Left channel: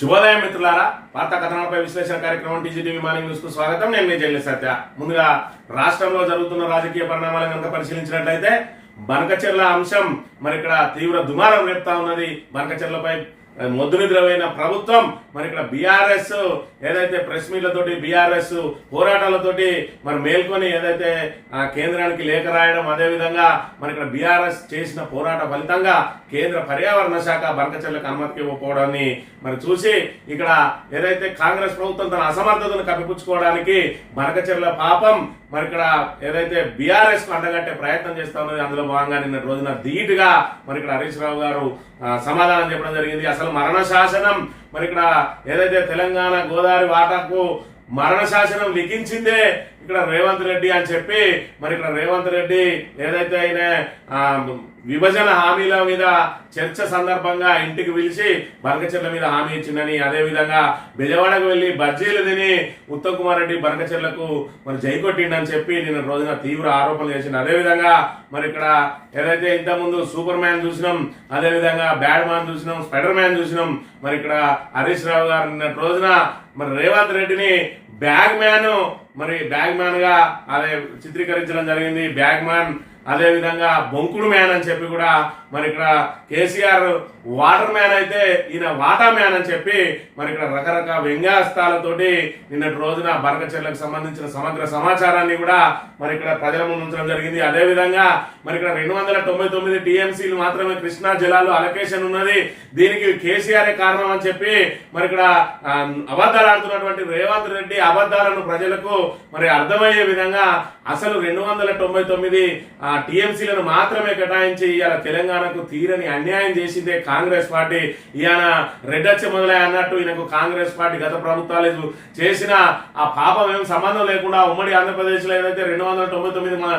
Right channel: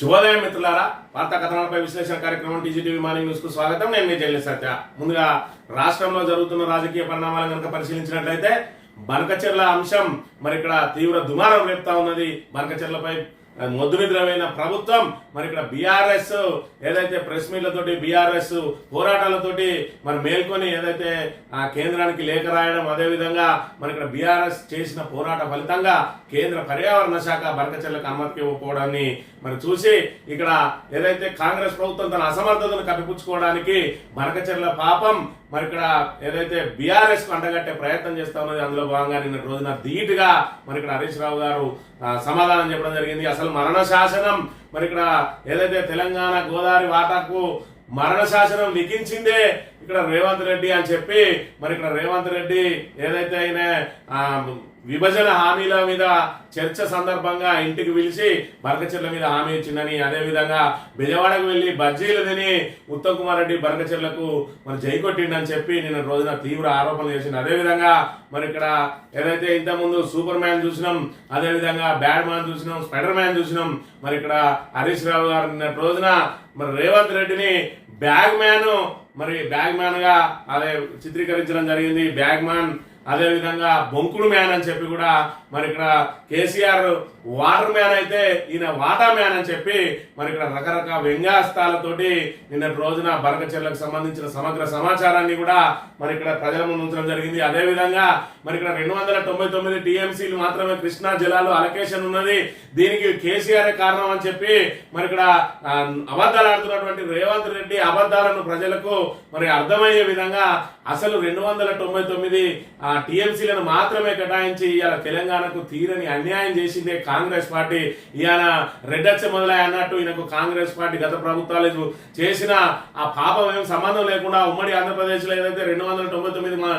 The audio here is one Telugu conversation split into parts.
శుభోదయం మిత్రులారా, వార్తా కథనాలపై విశ్లేషణ కార్యక్రమం టీజీటీవీ మార్నింగ్ న్యూస్ కు స్వాగతం. నేను మీ జైలు సత్య. ముందుగా రాష్ట్రంలో జరుగుతున్న రాజకీయ పరిణామాలను కనుక పరిశీలించినట్లయితే బనకచెర్ల అంశం మరి ఇక్కడ తీవ్ర దుమారం రేపుతా ఉన్నది. బనకచెర్లపై మొద్దు నిద్రమైన ప్రభుత్వం మరి ఇక్కడ బీఆర్ఎస్ ఏదైతే ప్రెస్ మీట్లతోటి బీఆర్ఎస్ పోరాటాలతోటి మరి మేల్కొని ఏదైతే కేంద్రానికి లేఖ రాయడం, అదేవిధంగా మరి ఇక్కడ బీఆర్ఎస్ చేసిన పోరాట ఫలితంగా కేంద్ర పర్యావరణ శాఖ బనకచెర్లకు అనుమతికి ఇవ్వకపోవడాన్ని మరి చూసి ఇక్కడ ఏదైతే కాంగ్రెస్ ప్రభుత్వం తన అసమర్థతను కప్పిపుచ్చుకోవడానికి బనకచెర్ల పాపం మరి ఇక్కడ ఏదైతే బీఆర్ఎస్ కు అంటగట్టే ప్రయత్నం చేస్తా ఉన్నది. అందులో భాగంగా నిన్న రోజున ధీటుగా మరి ఇక్కడ హరీష్ రావు గారు సమాధానం చెప్పడం జరిగింది. అసలు మరణ శాసనం మరి ఇక్కడ ఏదైతే తెలంగాణ గోదావరి వాటాకు మరణ శాసనం లిఖించిందే ఇక్కడ రేవంత్ రెడ్డి అని చెప్పి మరి ఇక్కడ రేవంత్ రెడ్డి ఏదైతే ఆయన విభజన హామీల మీద చర్చ సందర్భంగా ఇంటికి పిలిచి బనకచెర్ల మీద హామీ ఇచ్చిందని, అదేవిధంగా బెజవాడకు వెళ్లి బజ్జీలు తిని ఉత్తమ్ కుమార్ రెడ్డి బనకచెర్లకు మరి జై కొట్టిండని చెప్పి నిన్న రోజున తీవ్ర ఆరోపణలు చేసింది. అదేవిధంగా మరి ఇక్కడ ఏదైతే ఇంతకుముందు సూపర్ మ్యాన్ చూసినాం, అదేవిధంగా బ్యాడ్ మ్యాన్ చూసినాం, స్పైడర్ మ్యాన్ చూసినాం. మరి ఇక్కడ హరీష్ రావు గారు నిన్న రోజున మరి రేవంత్ రెడ్డిని బ్యాగ్ మ్యాన్ గా అదే చిత్రీకరించడం జరిగింది. బ్యాగ్ మ్యాన్, అదేవిధంగా బొంకుడు మ్యాన్ అని చెప్పి కూడా మరి ఇక్కడ కేసీఆర్ వాటర్ మ్యాన్ అయితే ఈయన వాటా మ్యాన్ అని చెప్పి మరి ఇక్కడ రకరకాల వ్యంగ్యాస్తాలతోటి నిన్నటి రోజున బనకచెర్లకు సంబంధించిన సమగ్ర సమాచారాన్ని కూడా మరి ఇక్కడ ప్రజల ముందు ఉంచడం జరిగింది. అదేవిధంగా మరి ఇక్కడ 299 టీఎంసీలు మాత్రమే కృష్ణా జలాలు అలొకేషన్ ఉన్నది, దీనికి కేసీఆర్ కారణం అని చెప్పి మరి ఇక్కడ అబద్ధాలు ఆడుతున్నటువంటి రేవంత్ రెడ్డి అబద్ధాలను ప్రజలకు మరి అర్థమయ్యే విధంగా అసలు 299 టీఎంసీలను మాత్రమే కేటాయించి ఇవాళ తెలంగాణకు తీరని అన్యాయం చేసిందే కాంగ్రెస్ పార్టీ. ఈయన రెడ్డచ్చ మొదలై అన్నట్టు ఈయనకు కాంగ్రెస్ పార్టీ గత ప్రభుత్వాలు చేసిన ఆ పాపం ఏం సంబంధం లేకుండా ఉమ్మడి ఆంధ్రప్రదేశ్ లో ఏదైతే 299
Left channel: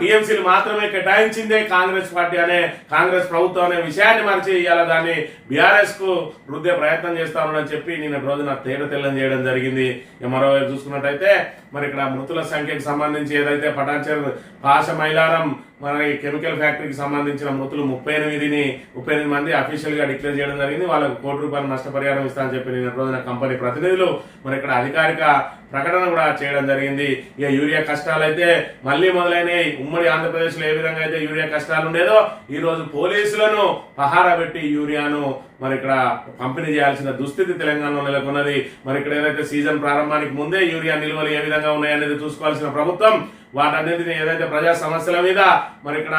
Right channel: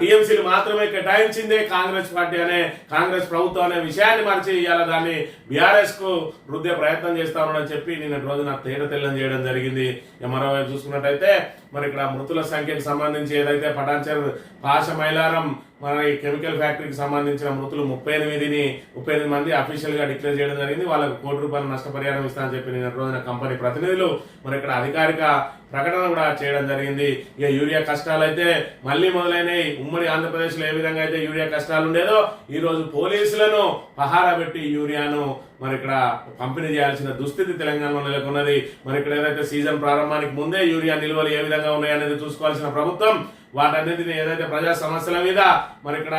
టీఎంసీలు మాత్రమే కేటాయించిందే కాంగ్రెస్ పార్టీ అనే కాంగ్రెస్ ప్రభుత్వం అనే విషయాన్ని మరిచి ఇవాళ దాన్ని బీఆర్ఎస్ కు రుద్దే ప్రయత్నం చేస్తా ఉన్నాడని చెప్పి నిన్న రోజున తెల్లం చేయడం జరిగింది. మరోవైపు చూసుకున్నట్టయితే మరి ఇక్కడ మృతుల సంఖ్యకు సంబంధించి ఏదైతే పటాన్చెరు పాష మైలారం మరి కెమికల్ ఫ్యాక్టరీకి సంబంధించిన మృతులు 38 మంది అఫీషియల్ గా డిక్లేర్ చేయడం జరిగింది. వాళ్ళకు ₹1 నష్టపరిహారం ఇస్తామని చెప్పి నిన్న రోజున కంపెనీ ప్రతినిధులు మరి ఇక్కడ అధికారిక ప్రకటన కూడా చేయడం జరిగింది. ఇక యూరియా కష్టాలు అయితే మళ్లీ మొదలైనవి. ఉమ్మడి ఆంధ్రప్రదేశ్ లో ఏ విధంగా అయితే యూరియా కష్టాలు ఉండేదో ఈ రోజు పోలీసులను పహారా పెట్టి యూరియాను మరి ఇక్కడ పంపిణీ చేయాల్సిన దుస్థితి తెలంగాణలో నెలకొన్నది. మరి ఇక్కడ ఏదైతే సీజన్ ప్రారంభానికి ముందే యూరియా నిల్వలు ఏ విధంగా ఉన్నాయనేది చూసుకోవాల్సిన ప్రభుత్వం వాటన్నిటిని ఏదైతే ప్రజా సమస్యల మీద మరి ఇక్కడ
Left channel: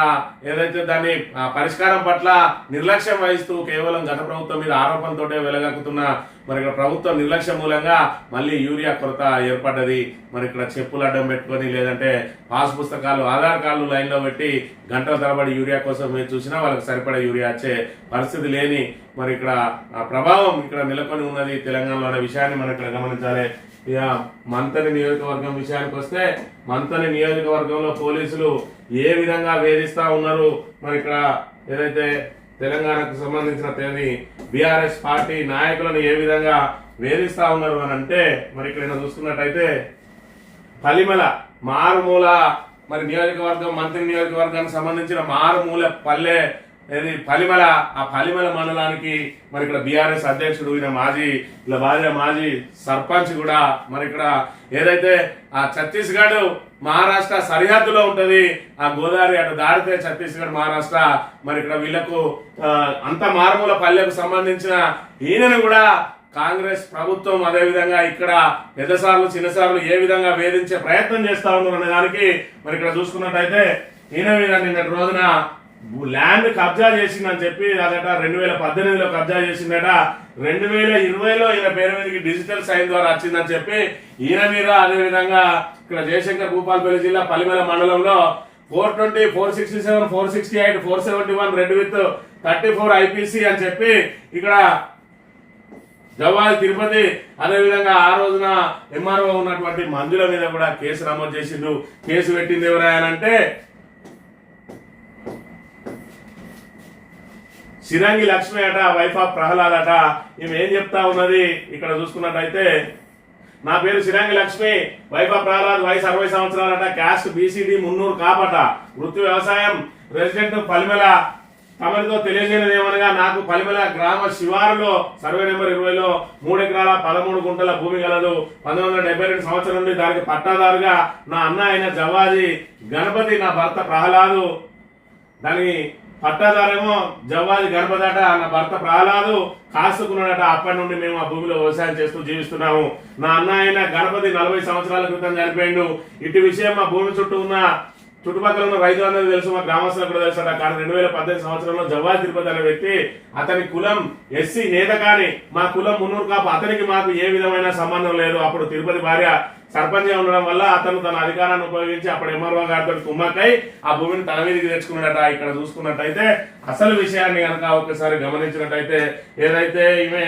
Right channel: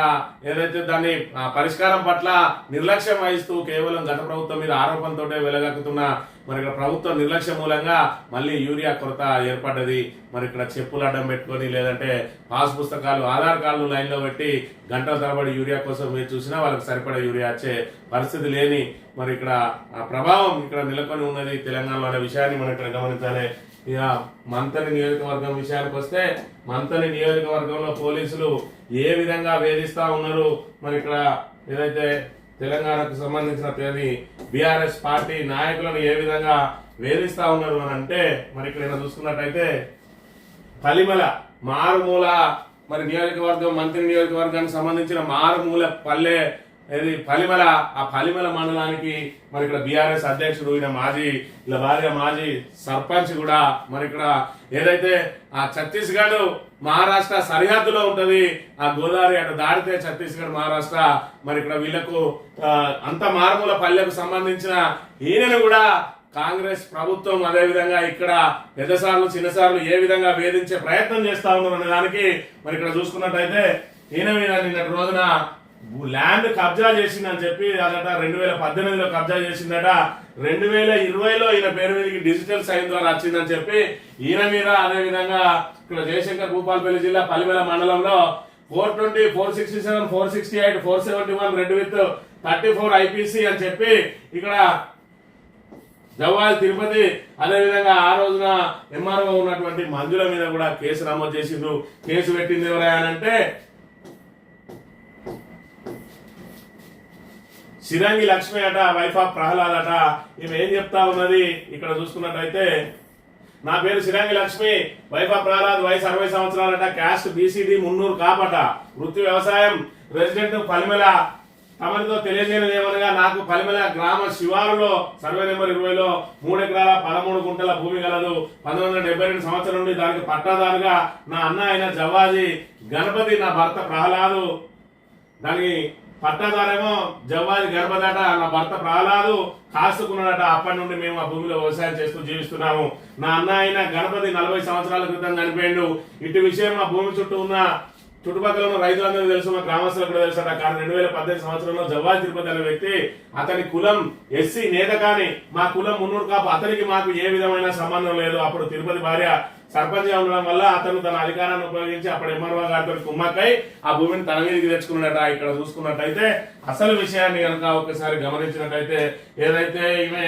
ఏదైతే దాన్ని పరిష్కారం పట్ల నిర్లక్ష్యం వహిస్తూ కేవలం గత ప్రభుత్వం మీద ఆరోపణతోటే వెలగక్కుతున్న మరి ఇక్కడ ప్రభుత్వం నిర్లక్ష్యం మూలంగా మళ్ళీ యూరియా కొరత ఏర్పడ్డది. మరి ఇక్కడ చెప్పులు అడ్డం పెట్టుకొని లేదంటే పాస్ పుస్తకాలు, ఆధార్ కార్డులు లైన్ లో పెట్టి గంటల తరబడి యూరియా కోసం మీరు చూసినా వాళ్ళకి సరిపడే యూరియా వచ్చే పరిస్థితి లేని మరి ఇక్కడ ప్రభావం ఇక్కడ నెలకొని ఉన్నది తెలంగాణలో అనే విషయాన్ని మనం ఇక్కడ గమనించాలి. ఇక మంతని నియోజకవర్గం విషయానికి వస్తే మంతని నియోజకవర్గంలో పోలీసులు ఏ విధంగా వేధిస్తా ఉన్నారు, మరి ఇక్కడ ఏదైతే తెలంగాణకు సంబంధించిన బీఆర్ఎస్ పార్టీ నాయకులను ఏ విధంగా వేధిస్తా ఉన్నారు అని అంటే మరి ఇక్కడ చూసుకున్నట్టయితే పలిమల మారుమూల మరి నియోజకవర్గం, మంత్రి నియోజకవర్గానికి సంబంధించిన మారుమూల పల్లె ఇది పలిమల. ఆ పలిమల మండలానికి మరి ఇక్కడ బీఆర్ఎస్ అధ్యక్షుడు ఈయన ఇలా భార్య మాజీ సర్పంచ్ కూడా మరి ఇక్కడ ఏదైతే ఆ ఛత్తీస్గఢ్ మహారాష్ట్ర సరిహద్దులో ఉంటది, ఆ గోదావరి అటు దాడితే ఛత్తీస్గఢ్ మహారాష్ట్ర మరి ఇక్కడ వీళ్లకు అంత మారుమూల పల్లెకు సంబంధించిన ఈయనను కూడా కాంగ్రెస్ ప్రభుత్వం అదేవిధంగా ఇక్కడ పెద్దసార్లు చిన్నసార్లు ఏ విధంగా వేధించే ప్రయత్నం చేస్తా ఉన్నారు అనే దానికి మరి ఇక్కడ చూసుకున్నట్టయితే ఈయన మీద నిన్నటి రోజున ల్యాండ్ కబ్జా చేసిందని చెప్పి అదట 2018లో కబ్జా చేసిందట, 2020లో ఈయన పేరు మీదకి డిజిటల్ సైన్ ద్వారా వచ్చిందని చెప్పి ఈయన మీద అదేవిధంగా ఇక్కడ జయశంకర్ భూపాలపల్లి జిల్లా పలిమల మండలంలో 420, 467, 468, 471 రెడ్ విత్ 34 ఐపీసీ అని చెప్పి ఇక్కడ జవాల్ తిరుపతి అదేవిధంగా ఆ రోజున ఎంఆర్ఓ ఉన్నటువంటి మంజుల మీద కూడా కేసు నమోదు చేసిండ్రు. కేసు పెట్టింది ఎవరైనా సిరంగి లక్ష్మి అట, వైఫ్ ఆఫ్ ప్రహ్లాద్ అట. ఈమె ఏం చెప్తా ఉన్నది ఇక్కడ చూసుకున్నట్టయితే, నా పేరు సిరంగి లక్ష్మి, వైఫ్ ఆఫ్ ప్రహ్లాద్, వయసు 60 సంవత్సరాలట, క్యాస్ట్ బీసీడీ మున్నూరు కాపట, వృత్తి వ్యవసాయం, రెసిడెంట్ పలిమల, తమరితో తెలియజేయనిది ఏమనగా నాకు పలిమల గ్రామ శివారులో సర్వే నెంబర్ 20లో 3 ఎకరాల 13 గుంటల భూమి గలదు. 1972 సంవత్సరం నుండి దానికి పట్టాదారుగా నా అన్న అయిన జవాది గణపతి, నా భర్త ప్రహ్లాదు. దాని పట్టాదారేమో జవ్వాది గణపతి అట, నా భర్త ప్రహ్లాదు కాసుకున్నాడట. అప్పటి నుండి మేము ఆ భూమిలో వ్యవసాయం చేస్తూ జీవిస్తున్నాము. నా అన్న అయిన గణపతి 40 సంవత్సరాల క్రితం చనిపోయిండు. ఇటు విషయం మా భూమి చుట్టూ ఉన్న చుట్టుపక్కల ఉన్న రైతులందరికీ తెలుసు, మా గ్రామస్తులకు కూడా తెలుసట. కానీ 2018 సంవత్సరంలో జవ్వాది తిరుపతి అనే వ్యక్తి, అతని కులం ఎస్సీ నేత, కానీ మా కులం మున్నూరు కాపు, అతనికి మాకు ఏ విధమైన సంబంధం లేదు. అప్పుడు తిరుపతి భార్య సర్పంచ్ ఉండడం వల్ల అతను తన అధికారాన్ని ఉపయోగించి అప్పుడు ఎంఆర్ఓ గారితో కుమ్మక్కై ఆ భూమిని తన మీదకి తెచ్చుకున్నాడట. ఇక్కడ చూసుకున్నట్టయితే అసలు విషయాన్ని కనుక ఒకసారి గమనించినట్టయితే, ఏదైతే ఈమె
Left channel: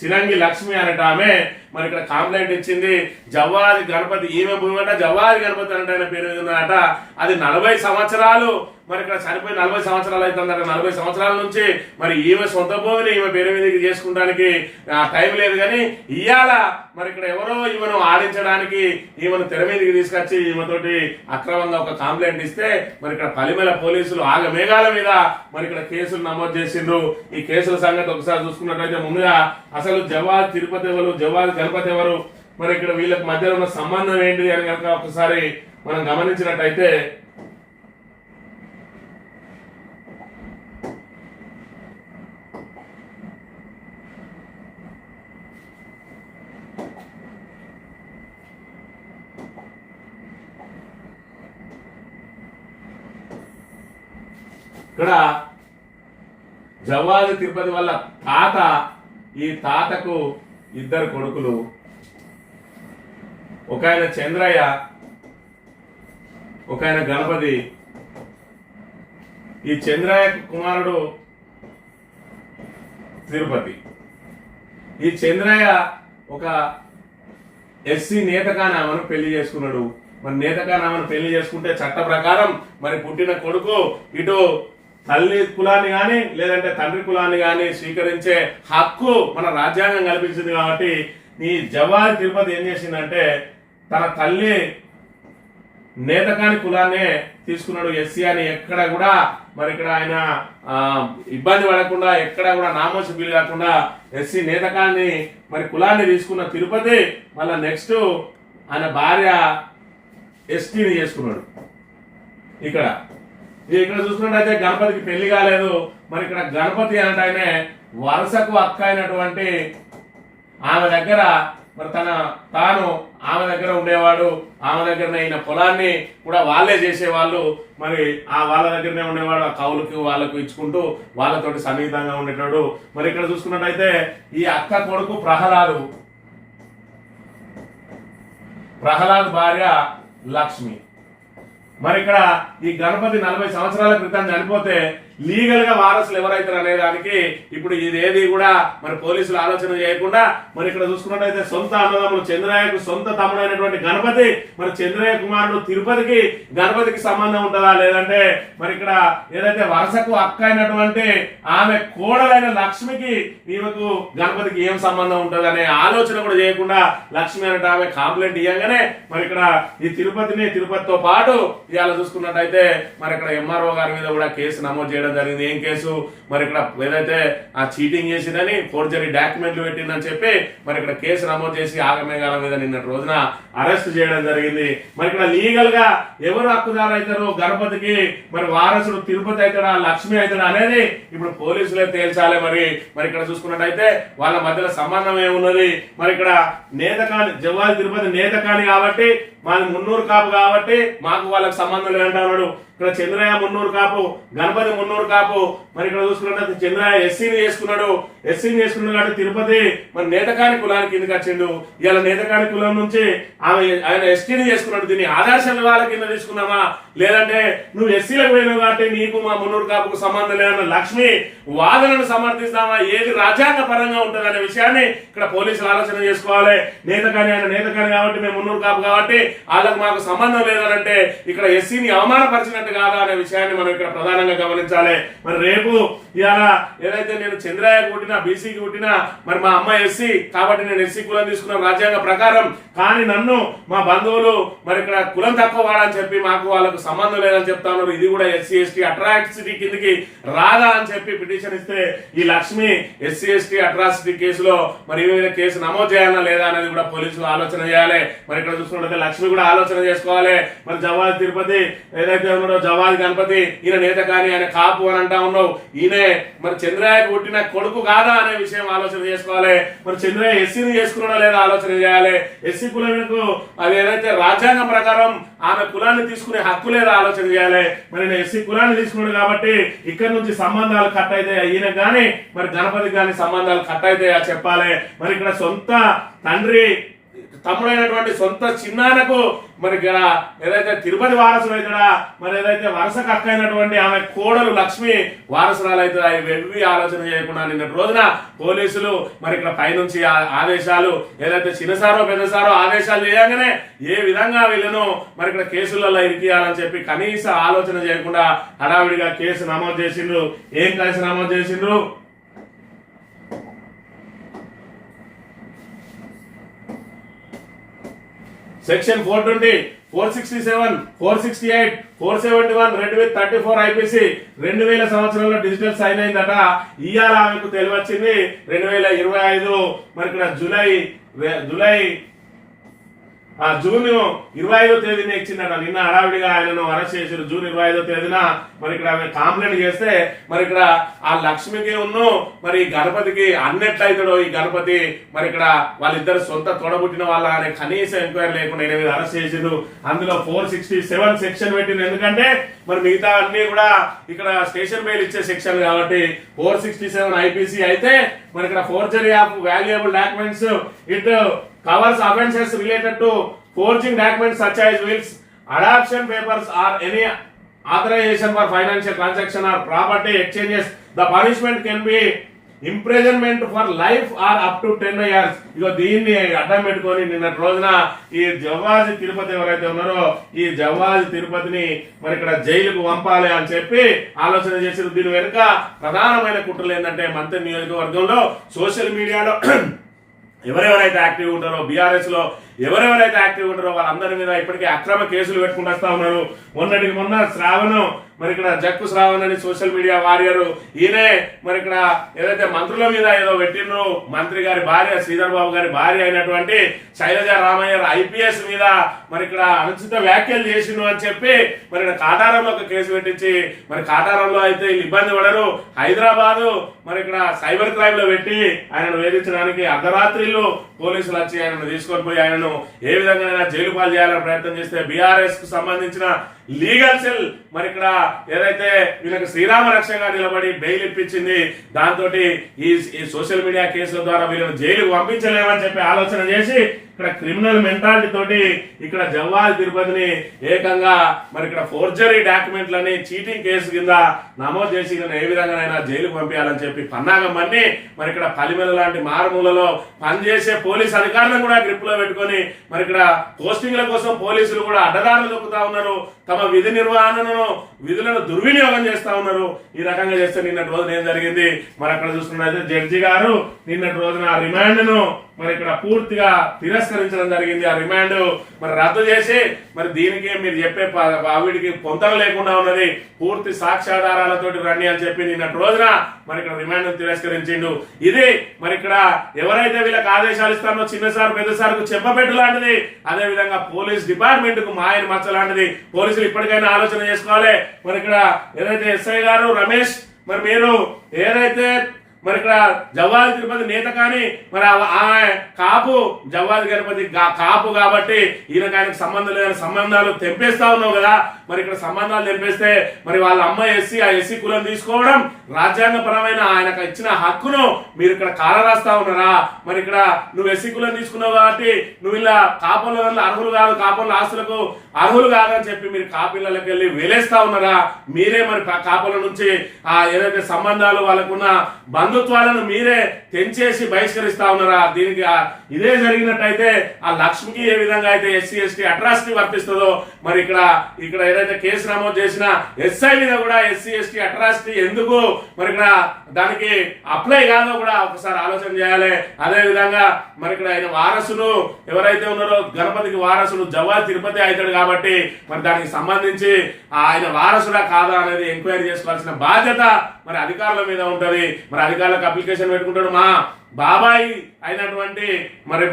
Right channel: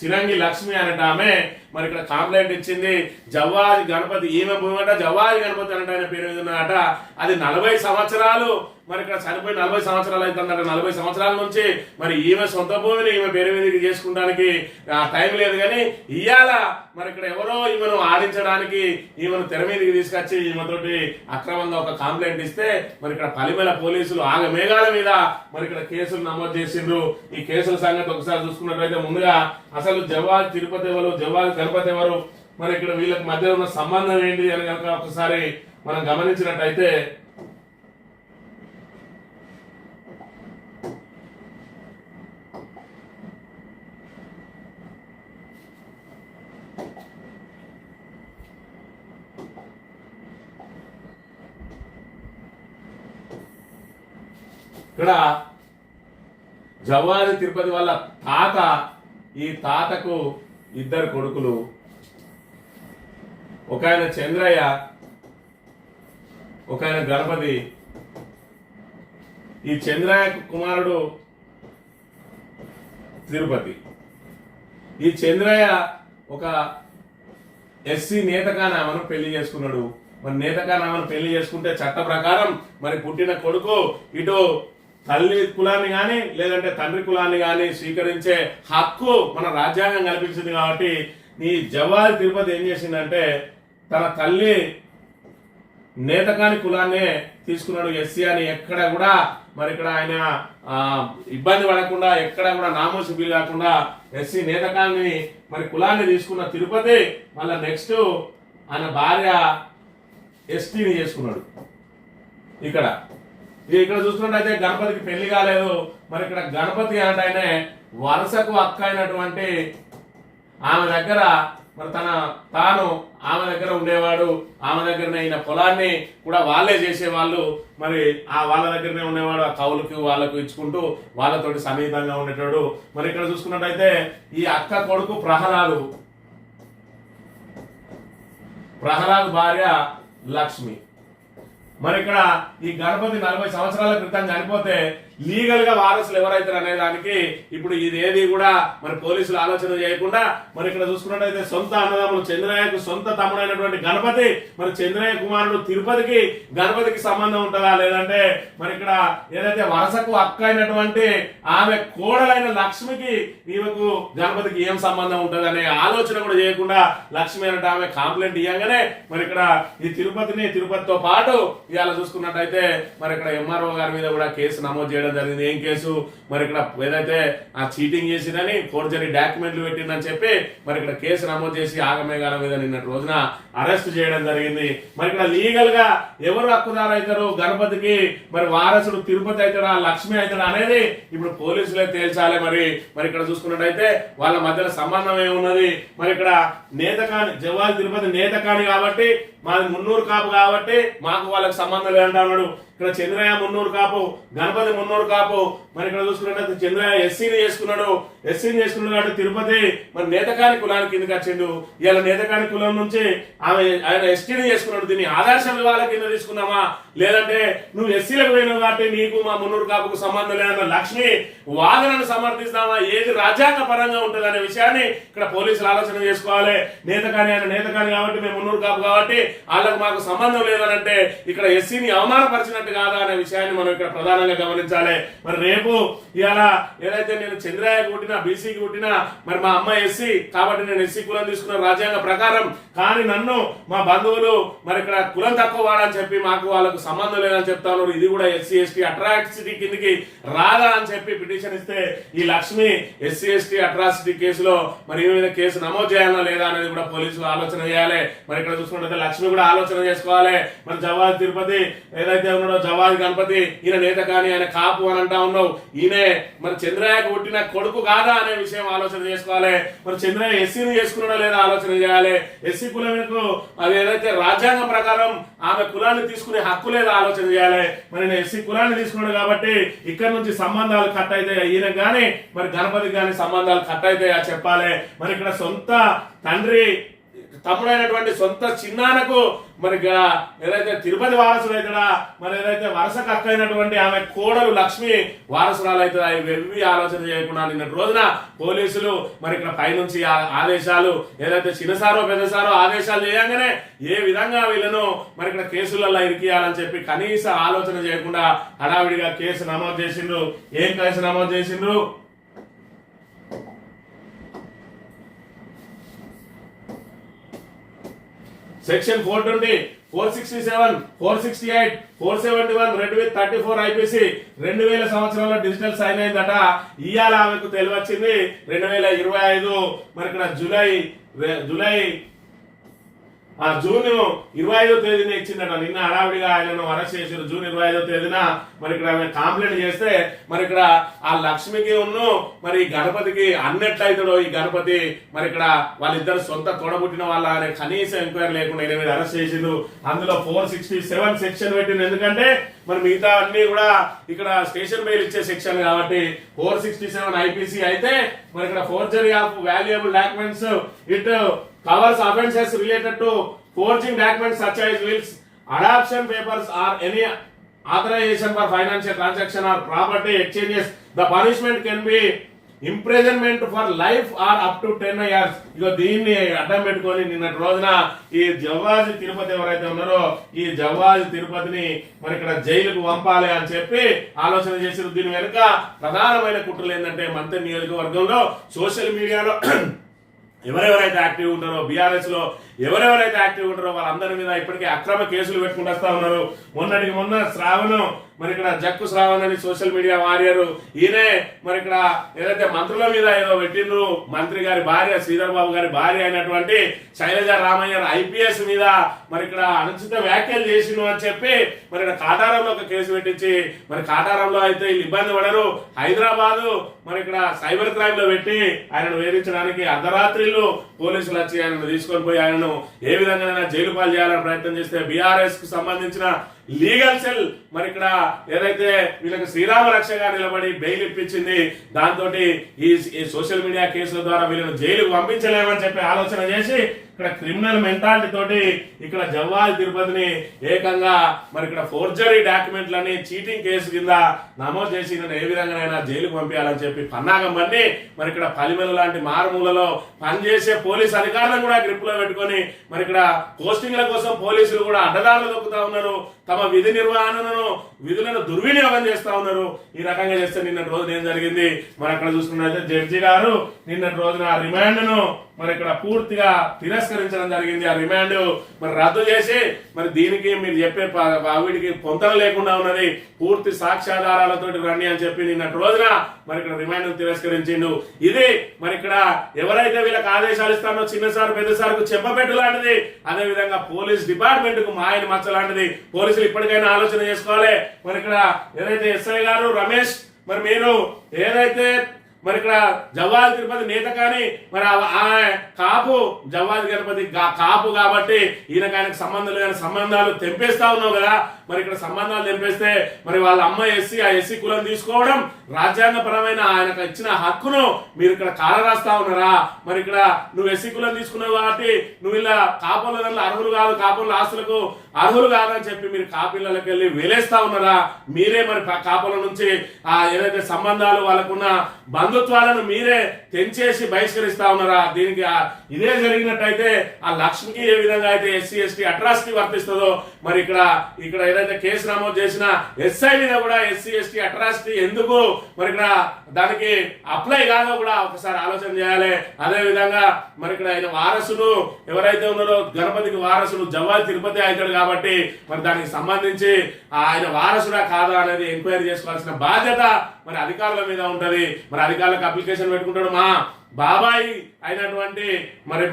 సిరంగి లక్ష్మి అనేట ఆమె మరి ఇక్కడ కంప్లైంట్ ఇచ్చింది. జవ్వాది గణపతి ఈమె భూమి అంట, జవ్వాది గణపతి అంటే ఆయన పేరు మీద ఉన్నదట. అది 40 సంవత్సరాలు మరి ఇక్కడ చనిపోయి 40 సంవత్సరాలు అవుతుందట. 40 సంవత్సరాల నుంచి మరి ఈమె సొంత భూమిని ఈమె పేరు మీదకి చేసుకోవడానికి టైం లేదు. కానీ ఇవాళ మరి ఇక్కడ ఎవరో ఈమెను ఆడించడానికి ఈమెను తెర మీదకి తీసుకొచ్చి ఈమెతోటి అక్రమంగా ఒక కంప్లైంట్ ఇస్తే మరి ఇక్కడ పలిమల పోలీసులు ఆగమేఘాల మీద మరి ఇక్కడ కేసులు నమోదు చేసిండ్రు. ఈ కేసుల సంగతి ఒకసారి చూసుకున్నట్లయితే, ముందుగా అసలు జవ్వాది తిరుపతి ఎవరు, జవ్వాది గణపతి ఎవరు, మరి ఇక్కడ వీళ్ళకి మధ్య ఉన్న సంబంధం ఏంటిది అని కనుక ఒకసారి మనం గమనించినట్టయితే, ఇక్కడ జవ్వాది తిరుపతి వాళ్ళ తాత, ఈ తాతకు 2 కొడుకులు, ఒక ఆయన చంద్రయ్య, ఒక ఆయన గణపతి. ఈ చంద్రయ్య కుమారుడు తిరుపతి. ఈ చంద్రయ్య ఒక ఎస్సీ నేతకానామను పెళ్లి చేసుకున్నాడు. మరి నేతకానామను పెళ్లి చేసుకుంటే చట్ట ప్రకారం మరి పుట్టిన కొడుకు ఇటు తల్లి కులాన్ని గాని లేదంటే తండ్రి కులాన్ని గాని స్వీకరించే హక్కు మన రాజ్యాంగం కల్పించింది. కాబట్టి ఈ జవ్వాది తిరుపతి ఏం చేసిందంటే, తన తల్లి నేతకాని కులాన్నే తీసుకున్నాడు. ఎస్సీ అని ఎక్కడ కూడా మరి ఇక్కడ ఆయన ఇబ్బంది పడకుండా, ఎక్కడ కూడా నామోషి బిల్ కాకుండా ఎస్సీ నేతకాన్ని మరి కులాన్ని తీసుకున్న తిరుపతి మళ్ళా నెక్స్ట్ ఆయన భార్య ఎస్టీని చేసుకున్నాడు. ఇక్కడ చూసుకున్నట్టయితే గణపతికి పెళ్లి కాలేదు. మరి ఇక్కడ గణపతి అంటే వరుసకు అక్క అయినటువంటి ఆమె దగ్గర మరి తాను ఆమె దగ్గర ఉండేవాడు. ఆమె దగ్గరనే అయిన పొలాన్ని కూడా వాళ్ళే చేసేవాళ్ళు. మరి వాళ్ళ దగ్గరనే ఉండేవాడు. ఆ కౌలుకి వాళ్ళకు ఇచ్చుకుంటూ వాళ్ళతోటి సన్నిహితంగా ఉండేటాడు. మరి ఇక్కడ చూసుకున్నట్టయితే ఈ అక్క కొడుకు ప్రహ్లాదు భార్య లక్ష్మి. మరి ఇక్కడ ఈ గణపతి 40 సంవత్సరాల క్రితం చనిపోతే లీగల్ గా వారసులు ఎవరైతారు అనే దానికి ఇప్పుడు ఇదేది కూడా మరి పోలీసులు ఆలోచన చేయకుండా మరి ఇక్కడ చూసుకున్నట్టయితే సొంత అన్నదమ్ములు చంద్రయ్యకు సొంత తమ్ముడైనటువంటి గణపతి, మరి చంద్రయ్య కుమారుడు తిరుపతికి గణపతికి సంబంధం ఉంటుందా, లేదంటే మరి ఇక్కడ ఏదైతే వరసకు అక్క అయినటువంటి ఆమె కోడలైన లక్ష్మికి ఈమెకు గణపతికి ఏం సంబంధం ఉంటుంది అనే ఆలోచన కూడా చేయకుండా లక్ష్మి అన్నట్టు ఆమె కంప్లైంట్ ఇవ్వగానే మరి ఇక్కడ ఈ తిరుపతితో పాటు ఇవాళ చూసుకున్నట్టయితే మరి ఇక్కడ ఎంఆర్ఓ గారి మీద కూడా కేసు నమోదు చేయడం జరిగింది. ఏం కేసు, మరి ఇక్కడ ఏదైతే ఆ చీటింగ్ చేసిందని ఫోర్జరీ డాక్యుమెంట్లు పెట్టిందని చెప్పి మరి ఇక్కడ కేసు నమోదు చేసి ఆగమేఘాల మీద నిన్నటి రోజున అరెస్ట్ చేయడం జరిగింది. మరి ఇక్కడ లీగల్ గా ఎవరు హక్కుదారు అవుతారు గణపతికి, మరి వారసుడు తిరుపతి అవుతాడా లక్ష్మి అవుతాడా అనేది ఇప్పుడు పోలీసులే తేల్చాలి. మరి ఇక్కడ చూసుకున్నట్టయితే వాళ్ళ మధ్యలో సంబంధం ఏమున్నది, మరి ఇక్కడ నేతకాని జవ్వాది తిరుపతి నేతకాని కాబట్టి మాది మున్నూరు కాపు కాబట్టి మాకు వాళ్ళకి సంబంధం లేదంటున్నాడు. ఇక్కడ చంద్రయ్య మున్నూరు కాపు, గణపతి మున్నూరు కాపు. మరి ఇక్కడ చూసుకున్నట్టు చంద్రయ్య ఎస్సీని చేసుకున్నాడు కాబట్టి తిరుపతి మరి నేతకాని కులానికి కిందకి వచ్చిండు. ఇలా నేతకాని కులం నుంచి ఆయన ఎస్టీని చేసుకున్నాడు. దీన్ని ఆదర్శ వివాహాల కింద తీసుకున్నామా, లేదంటే నువ్వు ఎస్సీలకు పోయినావు కాబట్టి నీకు మా మున్నూరు కాపుకు సంబంధం లేదన్న లక్ష్మి వాదనను సమర్థిస్తామా, ఏది రాజ్యాంగ పరంగా ఉంటుంది అనే విషయాన్ని ఇక్కడ పోలీసులు ఆలోచన చేసుకోవాలి. ఆయన నేతకాని కాబట్టి మేము మున్నూరు కాపు కాబట్టి వాళ్ళకు మాకు సంబంధం లేదనంటే ఇక్కడ ఎస్సీని అవమానపరిచినట్టు కాదా అనే విషయాన్ని మనం ఇక్కడ ప్రధానంగా గమనించాలి. మరి రేపు ఇవాళ ఏదైతే నేను చంద్రయ్య కుట్టినా బీసీకి కుట్టినా మరి మా అమ్మ ఎస్సీ కాబట్టి నేను ఎస్సీ కులం తీసుకున్న రాజ్యాంగ ప్రకారం, కానీ నన్ను మా బంధువులు మరి ఇక్కడ కులం తక్కువ వాడని చెప్పి మాకు వాళ్ళకు సంబంధం లేదని చెప్తా ఉన్నారు. ఇది కూడా ఎస్సీ ఎస్టీ అట్రాసిటీ కిందకి రాదా అని చెప్పి పిటిషన్ ఇస్తే ఈ లక్ష్మి ఎస్సీ ఎస్టీ అట్రాసిటీ కేసులో మరి మీద కేసు నమోదు చేయాలా లేదా అనేది కూడా పోలీసులు ఆలోచన చేయాలి. మరి ఇక్కడ చూసుకుంటే లక్ష్మి కూడా ఆలోచన చేసుకోవాలి. మరి జవ్వాది తిరుపతి ఏదైతే ఉన్నాడో జవ్వాది గణపతి ఈయన నేత కానీ ఆయన కాపు అని అంటా ఉన్నావు, ఈయనే మరి చంద్రయ్యకు పుట్టిన కొడుకు కాదా అనే విషయం ఆలోచన చేసుకోవాలి. మరి చంద్రయ్య ఎస్సీని చేసుకున్నాడా లేదా ఆలోచన చేయాలి. ఎస్సీ కులంకు అది ఏదైతే రాజ్యాంగం ప్రకారం ఆమె కులాన్ని తీసుకునే హక్కు లేదా ఆలోచన చేయాలి. మరి నేను ఎస్సీ కులాన్ని తీసుకున్నాడు కాబట్టి ఇక్కడ నుంచి సంబంధాలు కట్ అయితే ఈయన కానీ మరి గణపతి కానీ సంబంధాలు కట్ అయితే చెప్పాలి. మరి ఇక్కడ సొంత తండ్రి తమ్ముడైనటువంటి సొంత చిన్నానకు మరి ఏదైతే తిరుపతి వారసుడు అవుతాడా, మరి ఏదైతే వరుసకు అక్కైనటువంటి ఆమె కోడలు లక్ష్మి వారసురాలు అవుతుందా, ఇవి ఆలోచన చేయకుండా నిన్నటి రోజున పోలీసులు మరి ఇక్కడ పైనుంచి ఆదేశాలు ఏదైతే చిన్నసారో పెద్దసారో ఆదేశాలు చేయగానే ఏ విధంగా వీళ్ళను మరి ఇక్కడ కేసులలో ఇరికియాలని చెప్పి కనీస ఆలోచన చేయకుండా హడావిడిగా కేసు నమోదు చేసిండ్రు. ఏం కేసు నమోదు చేసిండ్రు? సెక్షన్ 420, 467, 468, 471 రెడ్ విత్ 34 ఐపీసీ 2000 సంవత్సరంలో డిజిటల్ సైన్ అయిందట. ఇవాళ ఆమెకు తెలివచ్చింది 2025 మరి ఇక్కడ జూన్ 25వ తేదీన ఇచ్చిందట. నిన్న హడావిడిగా ఆయనను అరెస్ట్ చేశారు. జూన్ 25వ తేదీన మరి ఇక్కడ ఆమె కంప్లైంట్ చేస్తే మరి ఇక్కడ ఆ లక్ష్మికి మరి గణపతికి అన్నట్లయితాడో ఈ గణపతి మరి ఇక్కడ వాళ్ళిద్దరు సొంత తోడబుట్టిన వాళ్ళ అనే కనీసం ఎంక్వైరీ లేకుండా 8 అరెస్ట్ చేసిండు. అందులో 467 సెక్షన్ పెట్టింది. ఎందుకంటే మరి మిగతా అన్ని కూడా ఇక్కడ స్టేషన్ బెయిల్ ఇచ్చే సెక్షన్ కాబట్టి 467 ఐపీసీ అయితే మరి ఇక్కడ forgery of valuable documents it covers offences related to forging documents such as wills, adoption papers or any authorization for financial transaction or property exchanges. The punishment can be imprisonment for life or up to 10 years. ఇగో దీన్ని అడ్డం పెట్టుకొని నిన్నటి రోజున ఈ జవ్వాది తిరుపతి ఎవరైతే ఉన్నారో ఈ జవ్వాది తిరుపతిని మరి ఇక్కడ జైలుకు పంపాలి అని చెప్పి ఆలోచన చేసిన. దీని వెనుక ప్రధానమైన కుట్రలు ఏంటంటే మంత్రి నియోజకవర్గంలో సోషల్ మీడియాలో ఎవరెవరైతే యాక్టివ్ ఉంటారో బీఆర్ఎస్ లో ఎవరెవరైతే యాక్టివ్ ఉంటారో వాళ్ళందరి మీద ఇప్పటికే అక్రమ కేసులు పెట్టుకుంటూ వస్తా ఉన్నారు. మొన్న శ్రావణం మరి ఇక్కడ జక్కు శ్రావణ్ అని సోషల్ మీడియా వారియర్ ఈయనే మరి ఇక్కడ ఏదైతే మంత్రుల మీద ఏదో పెట్టిండ్రు, మంత్రి గారి భార్య శ్రీధర్ బాబు గారి భార్య అయినటువంటి శైలజ రామయ్య ఐపీఎస్ మీద మరి ఇక్కడ అనుచిత వ్యాఖ్యలు చేసిండు అని చెప్పి మరి ఇక్కడ కాటారంలో ఒక కేసు పెట్టించి మరి కాటారంలో అయితే వీళ్ళు ఇబ్బంది పడరు, హైదరాబాద్ మరి ఇక్కడ సైబర్ క్రైమ్ లో పెట్టి ఆయనను వేధించడానికి అర్ధరాత్రిలో పోలీసులు వచ్చి ఆయనను తీసుకొని పోయి ఆయనను ఏ విధంగా జైలు పాలు చేయాలని ప్రయత్నం చేస్తే బీఆర్ఎస్ కు సంబంధించిన లీగల్ సెల్ మరి ఇక్కడ ఏదైతే వీళ్ళకి శ్రీరామ రక్షగా నిలబడి బెయిల్ ఇప్పించింది. దాంతో ఈ సోషల్ మీడియా కేసుల ద్వారా వీళ్ళని జైలుకు పంపించలేమని చెప్పి ఆలోచన చేసి ఇక్కడ క్రిమినల్ మెంటాలిటీ తోటి ఇక్కడ జవ్వాది తిరుపతిని ఏకంగా మరి ఇక్కడ ఫోర్జరీ డాక్యుమెంట్లని చీటింగ్ కేసు కింద నమోదు చేసి ఏ విధంగానైనా జైలుకు పంపించాలని చెప్పి పన్నాగం పన్ని మరి ఇక్కడ పలిమెల లాంటి మారుమూలలో పనిచేసే పోలీస్ అధికారులను కూడా గ్రిప్ లో పెట్టుకొని మరి ఇక్కడ పోస్టింగ్ల కోసం పోలీసులు కూడా అడ్డదారులు దొక్కుతా ఉన్నారు. తమ విధి నిర్వహణను విధులను దుర్వినియోగం చేస్తా ఉన్నారు. ఈ రకంగా చేస్తే నిన్నటి రోజున ఏం జరిగింది మరి అక్కడ చూసుకున్నట్లయితే జడ్జి గారు నిన్నటి రోజున ఆ రిమాండ్ ను మరి ఇక్కడ పూర్తిగా తిరస్కరించడం జరిగింది. ఆ రిమాండ్ మరి రద్దు చేసి మరి దీనికి మీరు చెప్పే వీటికి పొంతన లేకుండా ఉన్నది, పూర్తి సాక్ష్యాధారాలతోటి రండి అని చెప్పి నిన్నటి రోజున మరి ఇక్కడ రిమాండ్ తిరస్కరించిండు. ఇది మరి ఇక్కడ ఎవరైతే వీళ్ళకి ఆదేశాలు ఇస్తారో చిన్నసారు పెద్దసారుకు చెప్పబెట్టు లాంటిది, అదే విధంగా పోలీస్ డిపార్ట్మెంట్ కు మాయని మచ్చ లాంటిది. పోలీసులు ఇప్పటికైనా ఆలోచన చేసుకోవాలి. మరి ఇక్కడ ఏదైతే ఎస్ఐ గారు రమేష్ మరి మీరు ఏదైతే మరి ఇక్కడ జవ్వాది తిరుపతి నేత కానీ మరి కాపు జవ్వాది గణపతి కాపు కాబట్టి ఈయనకు ఆయనకు సంబంధం లేదని సంబంధాలు తెంపేస్తా ఉన్నావు కదా. మరి ఇక్కడ సంబంధాలు తెంపేస్తే మరి వాళ్ళ అమ్మ ఎస్సీ ఆ ఎస్సీ కులం తీసుకోవడం రాజ్యాంగపరమైన ఆయనకు ఇచ్చిన హక్కును మీరు ఇక్కడ కాలరాస్తా ఉన్నారా? మరి ఇక్కడ నువ్వు ఎస్సీ కులం తీసుకున్నావు కాబట్టి నువ్వు ఇలా కాపుల వల్ల అర్హులు కాదు, కాపుల ఆస్తులకు అర్హులు కాదని చెప్పి మీరు కాపిల్లకి వెళ్ళి వేలేస్తా ఉన్నారా? మీరే మరి కాపుల నుంచి ఆ ఏదైతే సంబంధాలు వాళ్ళకున్న బంధుత్వాలను మీరే తెంచేసి బహిష్కరిస్తా ఉన్నారా? దీనికి ఇదే జరిగినట్టయితే ఆ లక్ష్మికి ఏ విధంగా అయితే ఎస్సీ ఎస్టీ అట్రాసిటీ వర్తిస్తుందో మరి ఇక్కడ ఏదైతే కేసు నమోదు చేసిన ఎస్ఐ మీద కూడా ఎస్సీ ఎస్టీ అట్రాసిటీ ఎందుకు మరి ఇక్కడ దానికి అప్లై కాదో కూడా ఒకసారి ఆలోచన చేయాలి. అదే విధంగా మరి ఇక్కడ ఆయన వారసులు ఎవరైతే ఉన్నారో గణపతికి వారసులు జవ్వాది తిరుపతి అవుతాడు కాబట్టి మరి దానికి సంబంధించి ఆయన వారసుడా కాదా అనేది ఎంక్వైరీ చేసుకోవాల్సిన బాధ్యత మరి అధికారుల మీద ఉంటది. మరి అధికారులకు అప్లికేషన్ పెట్టుకుంటాడు మా బాబాయి అయినటువంటి మరి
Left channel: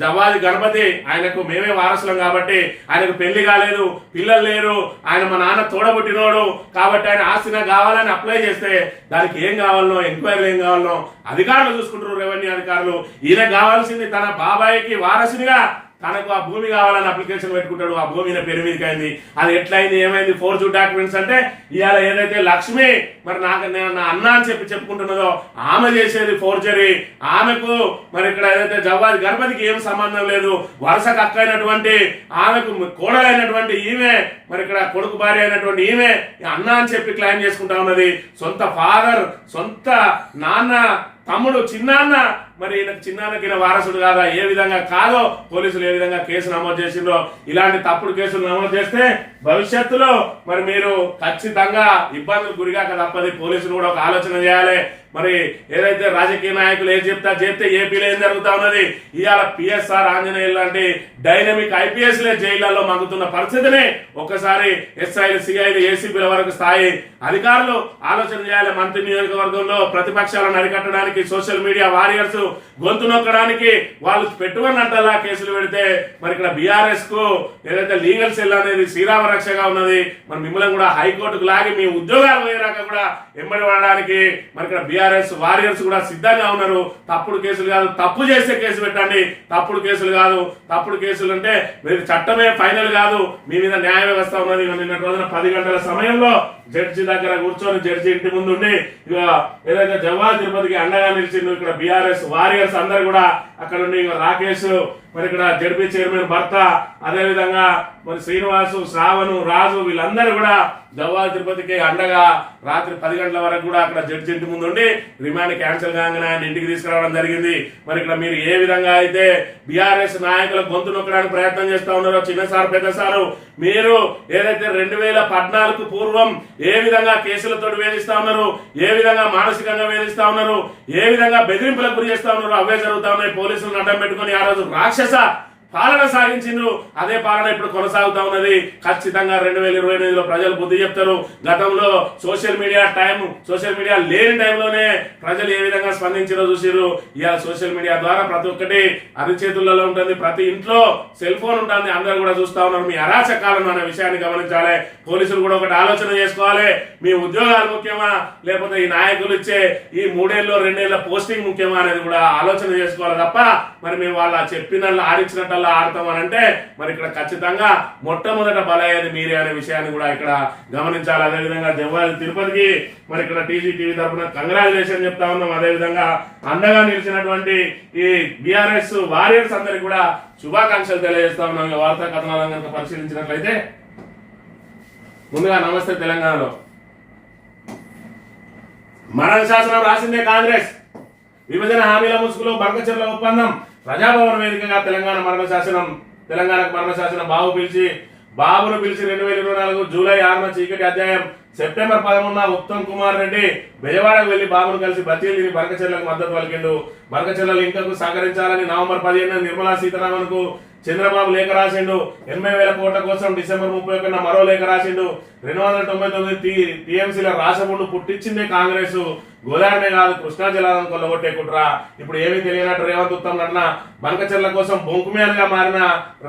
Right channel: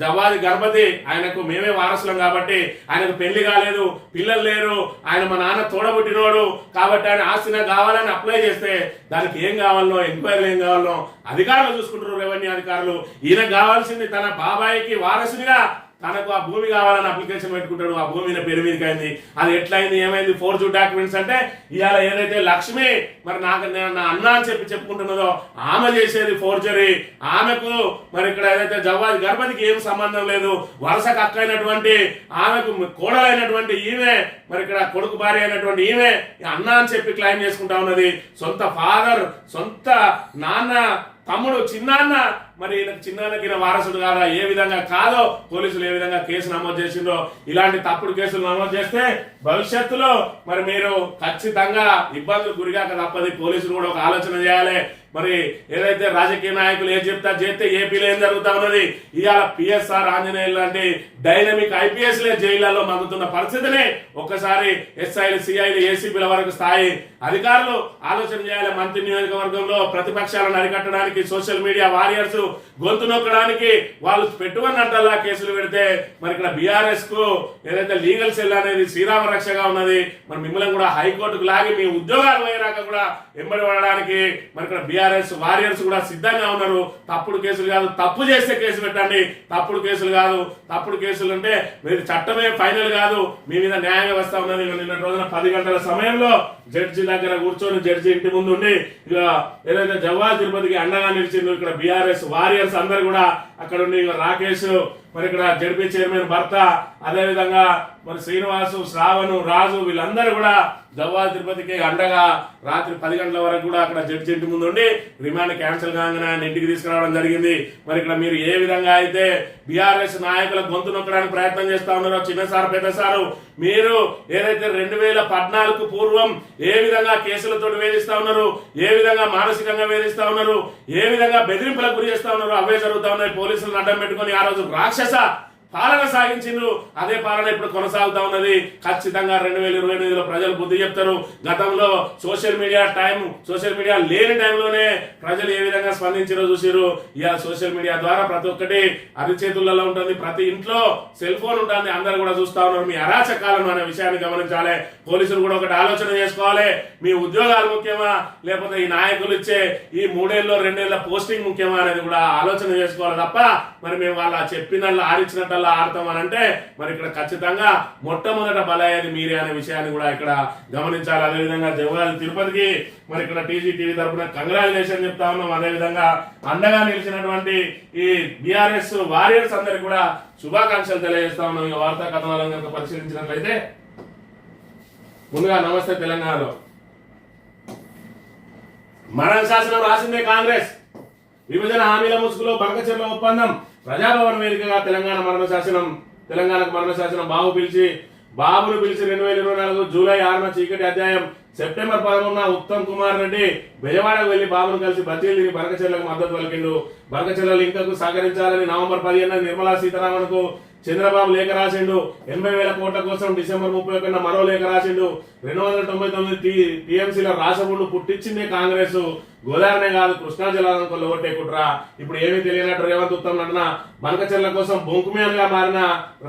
జవ్వాది గణపతి, ఆయనకు మేమే వారసులం కాబట్టి ఆయనకు పెళ్లి కాలేదు, పిల్లలు లేరు, ఆయన మా నాన్న తోడబుట్టినోడు కాబట్టి ఆయన ఆస్తి నాకు కావాలని అప్లై చేస్తే దానికి ఏం కావాలనో ఎంక్వైరీలు ఏం కావాలనో అధికారులు చూసుకుంటారు, రెవెన్యూ అధికారులు. ఈయన కావాల్సింది తన బాబాయికి వారసునిగా తనకు ఆ భూమి కావాలని అప్లికేషన్ పెట్టుకుంటాడు. ఆ భూమి పేరు మీదకి అయింది. అది ఎట్లయింది, ఏమైంది, ఫోర్జరీ డాక్యుమెంట్స్ అంటే ఇవాళ ఏదైతే లక్ష్మి మరి నేను నా అన్న అని చెప్పుకుంటున్నదో ఆమె చేసేది ఫోర్జరీ. ఆమెకు మరి ఇక్కడ ఏదైతే జవ్వాది గణపతికి ఏం సంబంధం లేదు. వరుసకు అక్క అయినటువంటి ఆమెకు కోడలైనటువంటి ఈమె మరి ఇక్కడ కొడుకు భార్య అయినటువంటి ఈమె అన్న అని చెప్పి క్లెయిమ్ చేసుకుంటా ఉన్నది. సొంత ఫాదర్, సొంత నాన్న, తమ్ముడు, చిన్నాన్న మరి చిన్నాన్నకి వారసుడు కాదా? ఏ విధంగా కాదో పోలీసులు ఏ విధంగా కేసు నమోదు చేసిందో ఇలాంటి తప్పుడు కేసులు నమోదు చేస్తే భవిష్యత్తులో మరి మీరు ఖచ్చితంగా ఇబ్బందులు గురిగాక తప్పది. పోలీసులు కూడా ఒక ఆలోచన చేయాలి. మరి ఏదైతే రాజకీయ నాయకులు ఏం చేస్తే ఏపీలో ఏం జరుగుతా ఉన్నది, ఇవాళ పిఎస్ఆర్ ఆంజనేయులు లాంటి డైనమిక్ ఐపీఎస్లే జైళ్లలో మంగుతున్న పరిస్థితిని ఒక్కసారి ఎస్ఐలు, సిఐలు, ఏసీపీల వరకు స్థాయి అధికారులు ఆలోచన చేయాలి. మంత్రి నియోజకవర్గంలో ప్రతిపక్షాలను అరికట్టడానికి సోషల్ మీడియా వారియర్స్ గొంతు నొక్కడానికి వాళ్ళు పెట్టుకున్నట్టల్లా కేసులు పెడితే మరి ఇక్కడ బీఆర్ఎస్ కు ఏదైతే లీగల్ సెల్ అనేది శ్రీరామ రక్షగా ఉన్నది. మరి మిమ్మల్ని కూడా హైకోర్టుకు లాగి మీ ఉద్యోగాలు పోయినాక కూడా ఎంబడి పడడానికి మరి ఇక్కడ బీఆర్ఎస్ వారియర్స్ కూడా సిద్ధంగా ఉన్నారు. తప్పుడు కేసులు కాదు, తప్పు చేస్తే కేసు పెట్టండి. తప్పుడు కేసులు కాదు, తప్పుడు కేసులు అంటే మీరు చట్టమే ఫైనల్ కాదు, మీ మీద న్యాయ వ్యవస్థ ఉన్నది. నిన్న రోజున 10 గంటల సమయంలో జడ్జి దగ్గర కూర్చొని జడ్జి ఇంటి ముందు ఉండి ఏదైతే జవ్వాది తిరుపతికి అండగా నిలిచిండు ఇక్కడ బీఆర్ఎస్ వారియర్స్ అందరు కూడా అక్కడ ఉండి రాకేష్ మరి ఇక్కడ జడ్పీ చైర్మన్ భర్త, అదే విధంగా మరి శ్రీనివాసు, శ్రావణు, రాజు వీళ్ళందరూ కూడా జవ్వాది తిరుపతికి అండగా రాత్రి 10 గంటల వరకు కూడా అక్కడ జడ్జి ఇంటి ముందు ఉండి రిమాండ్ క్యాన్సిల్ కాగానే ఆయన ఇంటికి తీసుకురావడం జరిగింది. మరి ఇక్కడ మీరు ఏ విధంగా అయితే బీఆర్ఎస్ నాయకుల గొంతు నొక్కడానికి ప్రయత్నం చేస్తా ఉన్నారో చిన్నసారు పెద్దసారు, మీరు ఏదైతే 2014 పూర్వం ఏ విధంగా కేసులతో వేధిస్తా ఉన్నారు, ఏ విధంగా మానసికంగా వేధిస్తా ఉన్నారు, ఏ విధంగా బెదిరింపులకు గురి చేస్తా ఉన్నారు, అవే జరుగుతా ఉన్నాయి. పోలీసులను అడ్డం పెట్టుకుని ఆ రోజు రాక్షస పాలన సాగించిండ్రు. అదే పాలన ఇప్పుడు కొనసాగుతా ఉన్నది. ఖచ్చితంగా 2028లో ప్రజలు బుద్ధి చెప్తారు. గతంలో సోషల్ మీడియా లేని టైంలోనే ప్రజలు ఏ విధంగా స్పందించారో చూసారు. ఇవాళ సోషల్ మీడియా ద్వారా ప్రతి ఒక్కటి అరిచేతులలో ఉంటుంది, ప్రతి ఇంట్లో సెల్ ఫోన్ ఉంటుంది, అందరు కూడా చూస్తా ఉన్నారు. మీ అరాచకాలను అనే విషయాన్ని గమనించాలి. పోలీసులు కూడా ఒకటి ఆలోచన చేసుకోవాలి. మీ ఉద్యోగాలు ముఖ్యమా లేకపోతే ఈ నాయకులు ఇచ్చే ఈ 3 ఏళ్ళు 2 ఏళ్ల పోస్టింగ్ ముఖ్యమా అనేది కూడా ఆలోచన చేసుకోవాలి తప్ప మరి మేము వాళ్ళ చెప్పినట్లు ఆడించినట్టు ఆడతామనంటే మరి ఇక్కడ ఖచ్చితంగా మొట్టమొదట బలయ్యేది మీరే అనే విషయాన్ని కూడా ఇక్కడ గమనించాలి. అదేవిధంగా జవ్వాది తిరుపతికి మరి ఇక్కడ టీజీ తరఫున కంగ్రాచులేషన్ చెప్తా ఉన్నాం. అదేవిధంగా అండగా నిలిచినటువంటి ఈ బీఆర్ఎస్ వారియర్స్ అందరికి కూడా శుభాకాంక్షలు తెలియజేస్తా ఉన్నాం. వార్తా కథనాలను కనుక పరిశీలించినట్లయితే ముందుగా నమస్తే తెలంగాణలో మరణ శాసనం రాసిందే కాంగ్రెస్. విభజన హామీల ముసుగులో బంకచెర్ల ఒప్పందం, ప్రజాభవన్ వేదికగా తెలంగాణకు మరణ శాసనం బాబును పిలిచి 2024 జూలై 6న చీకటి అధ్యాయం. సెప్టెంబర్ 11న ఉత్తమ్ కుమార్ రెడ్డి బెజవాడకు వెళ్లి బాబును కలిసి బచ్చీలు తిరిగి బనకచెర్లకు మద్దతు పలికిండు. బనకచెర్ల లింకకు సహకరించాలని నవంబర్ 15న నిర్మలా సీతారామన్ కు చంద్రబాబు లేఖ రాసిండు. 80,000 కోట్ల కోసం డిసెంబర్ 31న మరో లేఖ రాసిండు. 299 టీఎంసీల రాసముండు పుట్టించిందే కాంగ్రెస్. గోదావరినే కాదు కృష్ణా జలాలను కొల్లగొట్టే కుట్ర. ఇప్పుడు ఏమీ తెలియనట్టు రేవంత్ ఉత్తమ్ అన్న బనకచెర్ల కోసం బొంకు మ్యాన్ గా మారిన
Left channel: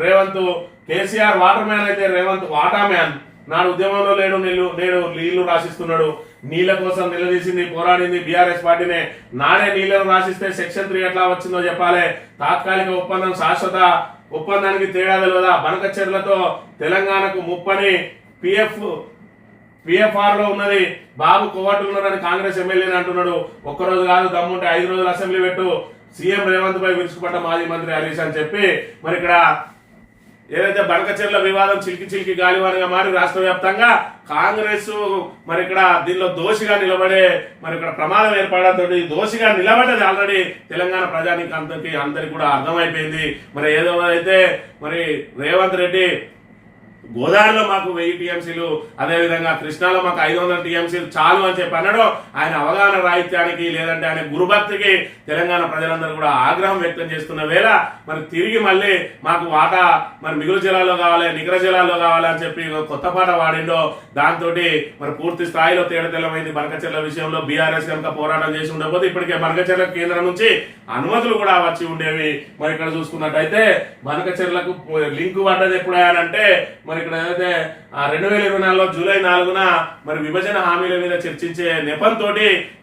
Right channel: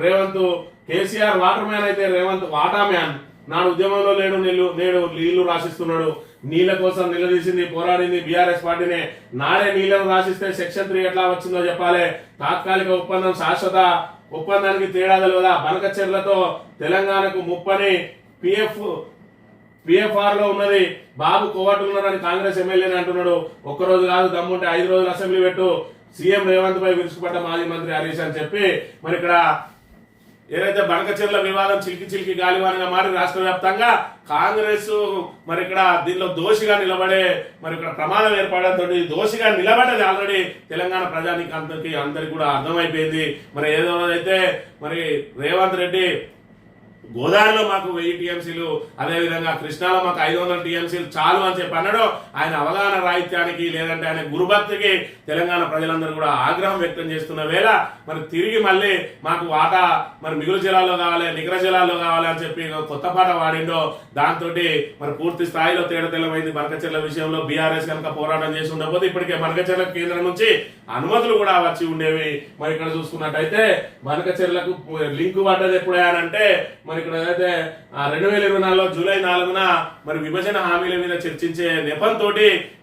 రేవంత్, కేసీఆర్ వాటర్ మ్యాన్ అయితే రేవంత్ వాటా మ్యాన్. నాడు ఉద్యమంలో నేడు నీళ్లు రాసిస్తున్నాడు. నీళ్ల కోసం నిలదీసింది, పోరాడింది బీఆర్ఎస్ పార్టీనే. నాడే నీళ్లను రాసిస్తే సెక్షన్ 3 ఎట్లా వచ్చిందో చెప్పాలి. తాత్కాలిక ఒప్పందం శాశ్వత ఒప్పందానికి తేడా తెలియదా? బనకచెర్లతో తెలంగాణకు ముప్పని పిఎఫ్ఆర్ లో ఉన్నది. బాబు కోవట్లు ఉన్నారని కాంగ్రెస్ ఎమ్మెల్యేని అంటున్నాడు. ఒక్కరోజు కాదు, దమ్ముంటే 5 రోజులు అసెంబ్లీ పెట్టు. సీఎం రేవంత్ పై విరుచుకుపడ్డ మాజీ మంత్రి హరీష్ అని చెప్పి మరి ఇక్కడ ఏదైతే బనకచెర్ల వివాదం చిలికి గాలివానగా మారి రాష్ట్ర వ్యాప్తంగా కాంగ్రెస్ మరి ఇక్కడ దీనిలో దోషిగా నిలబడే మరి ఇక్కడ ప్రమాదం ఏర్పడడంతో దోషిగా నిలబడ్డది ఆల్రెడీ తెలంగాణ ప్రజానికి అందరికి కూడా అర్థమైపోయింది. మరి ఏదో అయితే మరి రేవంత్ రెడ్డి గోదావరిలో మాకు 1000 టీఎంసీలు, అదేవిధంగా కృష్ణాలో మాకు 500 టీఎంసీలు చాలు అని చెప్పి అన్నాడు. ఆయన అవగాహన రాహిత్యానికి లేదంటే ఆయన గురుభక్తికి తెలంగాణ ప్రజలందరూ కూడా ఆగ్రహం వ్యక్తం చేస్తున్న వేళ మరి తిరిగి మళ్ళీ మాకు వాటా మరి మిగులు జిల్లాలో కావాలి, నిగర జిల్లాలో కావాలి అని చెప్పి కొత్త పాట వాడిండో దాంతో మరి పూర్తి స్థాయిలో తేడతెల్లమైంది. బనకచెర్ల విషయంలో బీఆర్ఎస్ కనుక పోరాటం చేసి ఉండకపోతే ఇప్పటికే బనకచెర్ల కేంద్రం నుంచి అనుమతులు కూడా వచ్చి ఉండేవి. మరి ఇక్కడ చూసుకున్నట్టయితే బనకచెర్లకు లింకు పడ్డది ఎప్పుడంటే మరి ఇక్కడ ఏదైతే 2024 జూలై 4న మరి విభజన హామీల మీద చర్చించే నెపంతో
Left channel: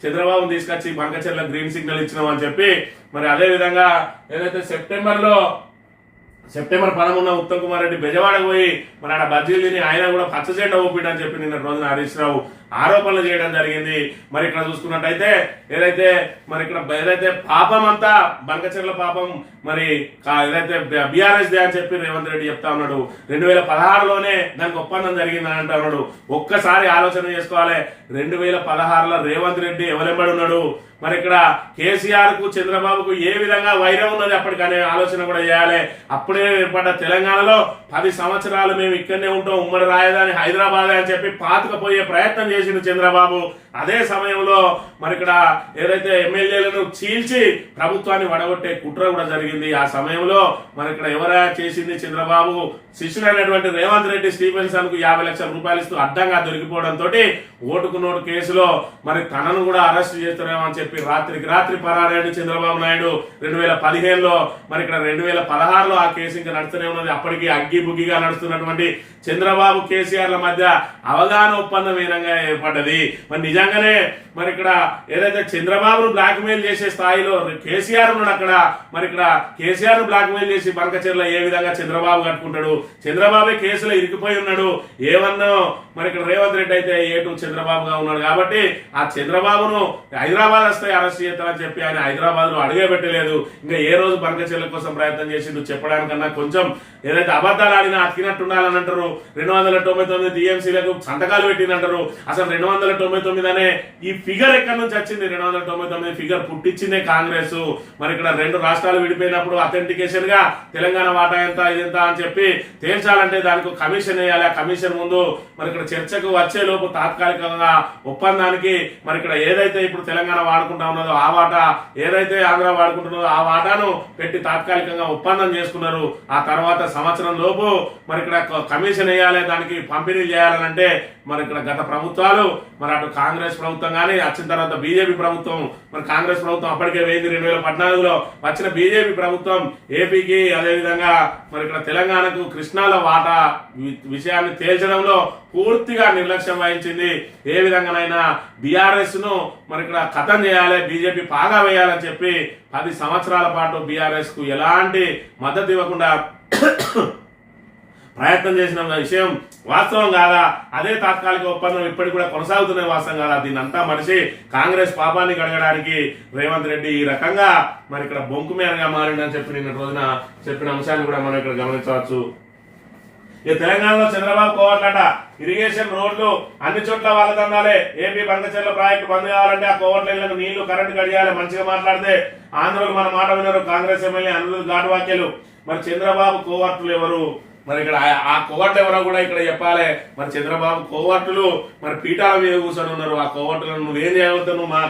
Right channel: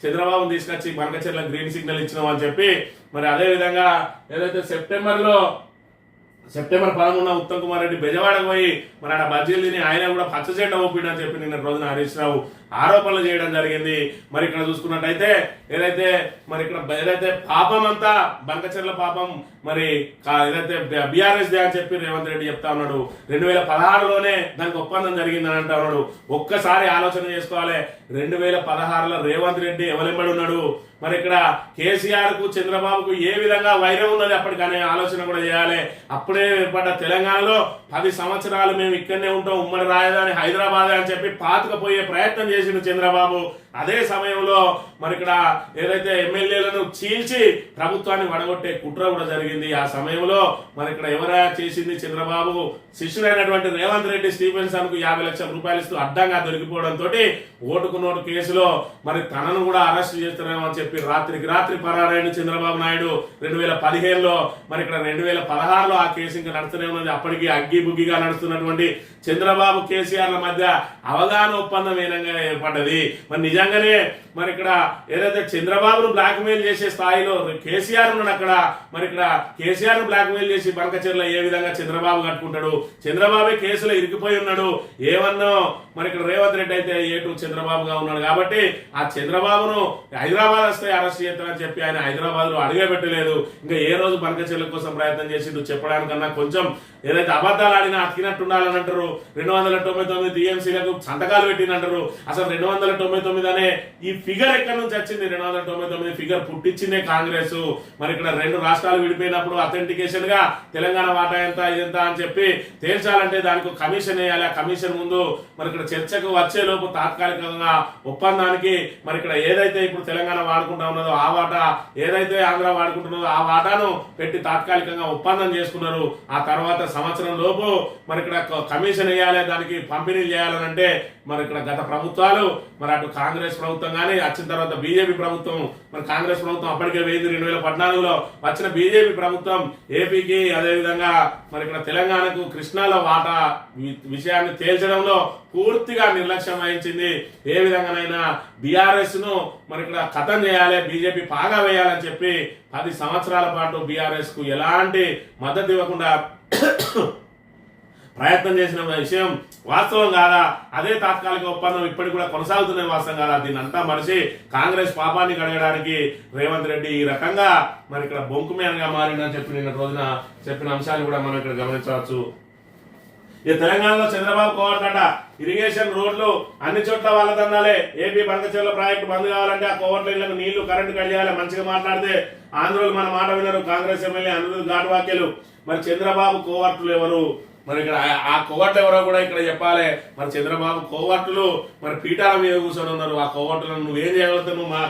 చంద్రబాబు తీసుకొచ్చి బనకచెర్ల గ్రీన్ సిగ్నల్ ఇచ్చినామని చెప్పి మరి అదే విధంగా ఏదైతే సెప్టెంబర్ 11న ఉత్తమ్ కుమార్ రెడ్డి బెజవాడకు పోయి మరి ఆడ బజ్జీలు తిని ఆయన కూడా పచ్చ జెండా ఊపిడని చెప్పి నిన్న రోజున హరీష్ రావు ఆరోపణలు చేయడం జరిగింది. మరి ఇక్కడ చూసుకున్నట్టయితే ఏదైతే పాపం అంతా బనకచెర్ల పాపం మరి ఏదైతే బీఆర్ఎస్ దే అని చెప్పి రేవంత్ రెడ్డి చెప్తా ఉన్నాడు. 2016లోనే దానికి ఒప్పందం జరిగిందని అంటా ఉన్నాడు. ఒక్కసారి ఆలోచన చేసుకోవాలి. 2016లో రేవంత్ రెడ్డి ఎవరెంబడి ఉన్నాడు. మరి ఇక్కడ కేసీఆర్ కు చంద్రబాబుకు ఏ విధంగా వైరం ఉన్నది అప్పటికనే ఆలోచన కూడా చేయాలి. అప్పుడే ఏర్పడ్డ తెలంగాణలో 10 సంవత్సరాలు మేము ఇక్కడనే ఉంటాం, ఉమ్మడి రాజధాని హైదరాబాద్ అని చెప్పి పాతుకపోయే ప్రయత్నం చేసిండు చంద్రబాబు. అదే సమయంలో మరి ఇక్కడ ఏదైతే ఎమ్మెల్యేలను చీల్చి ప్రభుత్వాన్ని వడగొట్టే కుట్ర కూడా జరిగింది. ఆ సమయంలో మరి ఇక్కడ ఎవరైనా చేసింది చంద్రబాబు శిష్యుడైనటువంటి రేవంత్ రెడ్డి స్టీఫెన్సన్ కు 50 లక్షల రూపాయలు ఇస్తూ అడ్డంగా దొరికిపోవడంతో ఓటుకు నోటు కేసులో మరి తనను కూడా అరెస్ట్ చేస్తారేమో అని చెప్పి రాత్రికి రాత్రి పరారైన చంద్రబాబు నాయుడు 2015లో మరి ఇక్కడ 2016లో ఆ కేసు ఇంకా నడుస్తూనే ఉన్నది. అప్పటికి అగ్గి బుగ్గిగా నడుస్తున్నటువంటి చంద్రబాబు కేసీఆర్ల మధ్య అవగాహన ఒప్పందం ఏనంగా ఏర్పడ్డది. మరి నిజంగానే మరి ఇక్కడ ఏదైతే చంద్రబాబును బ్లాక్ మెయిల్ చేసే స్థాయిలో కేసీఆర్ ఉన్నాడు అక్కడ. మరి ఇక్కడ కేసీఆర్ ను బ్లాక్ మెయిల్ చేసి బనకచెర్ల ఏ విధంగా చంద్రబాబు కట్టుకుంటాడు, చంద్రబాబే కేసులో ఇరికిపోయి ఉన్నాడు. ఏమన్నా మరి ఇక్కడ రేవంత్ రెడ్డి అయితే ఏటు చంద్రబాబుగా ఉన్నాడు కాబట్టి ఆ చంద్రబాబును హైదరాబాద్ వస్తే అరెస్ట్ చేస్తారని చెప్పి ఆయన హైదరాబాద్ లో అడిగే పెట్టలేదు. ఇంకా ఏ రోజు బనకచెర్ల కోసం ప్రయత్నం చేసిండు చెప్పడానికన్నా కొంచెం ఏదైతే అబద్ధాలు ఆడినా అతికినట్టుండాలని అంటారు. 299 టీఎంసీలకు సంతకాలు పెట్టిందంటారు. అసలు 299 అనే ఈ ఫిగర్ ఎక్కడి నుంచి వచ్చింది? 299 ఫిగర్ పుట్టించిందే కాంగ్రెస్. మరి ఇక్కడ 2 రాష్ట్రాలు విడిపోయినప్పుడు అథెంటికేషన్ గా తెలంగాణ వాటా ఎంత ఇదెంత అని చెప్పి తేల్చాలంటే దానికి కమిషన్ వేయాలి. ఆ కమిషన్ ముందు మరి ఇక్కడ చర్చకు వచ్చే లోపు తాత్కాలికంగా ఒప్పందానికి మరి ఇక్కడ ఏదైతే ఇప్పుడు తెలంగాణ వాడుకుంటా ఉన్నదో ఆ వాటా, ఏదైతే ఆంధ్ర వాడుకుంటున్నదో ఆ వాటాను పెట్టి తాత్కాలికంగా ఒప్పందం చేసుకున్నారు. ఆ తర్వాత సంవత్సరం లోపు మరి ఇక్కడ కమిషన్ వేయాలి, దానికి పంపిణీ చేయాలనంటే మరి ఇక్కడ గత ప్రభుత్వాలు మరి అటు కాంగ్రెస్ ప్రభుత్వం కానీ వచ్చిన తర్వాత బీజేపీ ప్రభుత్వం, మరి కాంగ్రెస్ ప్రభుత్వం అప్పటికే వేయింది. 2014లో వచ్చిన బీజేపీ ప్రభుత్వం ఏపీకి అదేవిధంగా మరి ఇక్కడ తెలంగాణకు కృష్ణాలో వాటా విషయాన్ని తేల్చడంలో పూర్తిగా నిర్లక్ష్యం వహించింది. ఏ విధంగానైనా బీఆర్ఎస్ ను మరి ఇక్కడ ఖతం చేయాలి, బీజేపీ పాగా వేయాలని చెప్పి 10 సంవత్సరాల పాటు బీఆర్ఎస్ కు ఎలాంటి మద్దతు ఇవ్వకుండా ప్రయత్నం చేసిన విషయం వాస్తవం కాదా? అదే తాత్కాలిక ఒప్పందం ఇప్పటికి కూడా కొనసాగుతున్న వాస్తవం కాదా? దీని అంతా మనిషి కాంగ్రెస్ పాపాన్ని కడగడానికి రేవంత్ రెడ్డి ఈ రకంగా మరి ఇక్కడ బొంకు మేనగా మారిందని చెప్పి నిన్న రోజున చెప్పిన అంశాన్ని కూడా మనం ఇక్కడ గమనించవచ్చు. ఈ తెలంగాణలో చంద్రబాబు కోవట్లట ఇరిగేషన్ రోడ్లు అన్ని చోట్ల వాళ్ళ తందాలే. ఏపీ బనకచెర్ల ప్రాజెక్టు బంద్ కావాలంటే ఆ కోవట్ల ఇళ్లకు నీళ్లు కరెంటు కడియాలి. మంచిగా మాట్లాడితే ఆంధ్రులు మన మాట వినరు. కాంగ్రెస్ ఎమ్మెల్యే అనిరుద్ధ్ ఘాట్ వ్యాఖ్యలు. మరి చంద్రబాబు కోవర్టులు ఎవరు? మరి ఇక్కడ ఆ కోవర్టులు ఎవరో కూడా ఇక్కడ చెప్పాలి. మరి చంద్రబాబు కోవర్టులు మరి పీఠాల మీద కూర్చొని ఉన్నారు. ఆ కోవర్టులను నువ్వేం చేయగలుగుతావు? నువ్వు మా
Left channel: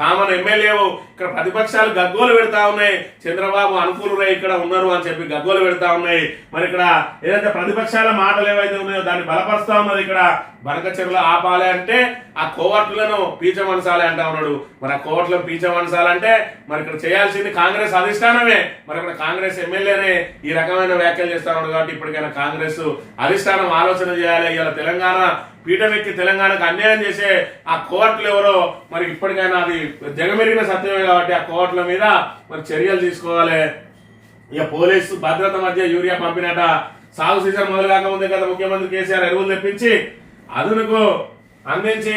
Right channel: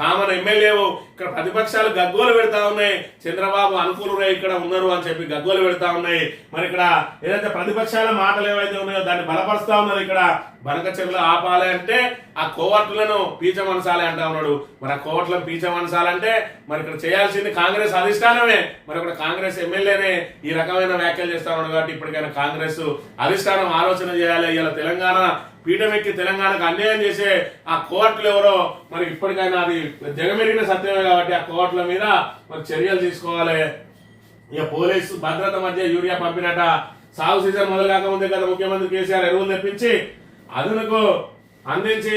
కామన్ ఎమ్మెల్యేవు. ఇక్కడ ప్రతిపక్షాలు గగ్గోలు పెడతా ఉన్నాయి, చంద్రబాబు అనుకూలురై ఇక్కడ ఉన్నారు అని చెప్పి గగ్గోలు పెడతా ఉన్నాయి. మరి ఇక్కడ ఏదైతే ప్రతిపక్షాల మాటలు ఏవైతే ఉన్నాయో దాన్ని బలపరుస్తా ఉన్నది. ఇక్కడ బనకచెర్ల ఆపాలి అంటే ఆ కోవర్టులను పీచమనసాలి అంటా ఉన్నాడు. మరి ఆ కోవర్టులను పీచమనసాలంటే మరి ఇక్కడ చేయాల్సింది కాంగ్రెస్ అధిష్టానమే. మరి ఇక్కడ కాంగ్రెస్ ఎమ్మెల్యేనే ఈ రకమైన వ్యాఖ్యలు చేస్తా ఉన్నాడు. కాబట్టి ఇప్పటికైనా కాంగ్రెస్ అధిష్టానం ఆలోచన చేయాలి. ఇలా తెలంగాణ పీఠమెక్కి తెలంగాణకు అన్యాయం చేసే ఆ కోర్టులు ఎవరో మరి ఇప్పటికైనా అది జగమెరిగిన సత్యమే కాబట్టి ఆ కోర్టుల మీద మరి చర్యలు తీసుకోవాలి. ఇక పోలీసు భద్రత మధ్య యూరియా పంపినట. సాగు సీజన్ మొదలు కాకముందే కదా ముఖ్యమంత్రి కేసీఆర్ ఎరువులు తెప్పించి అదునుకు అందించి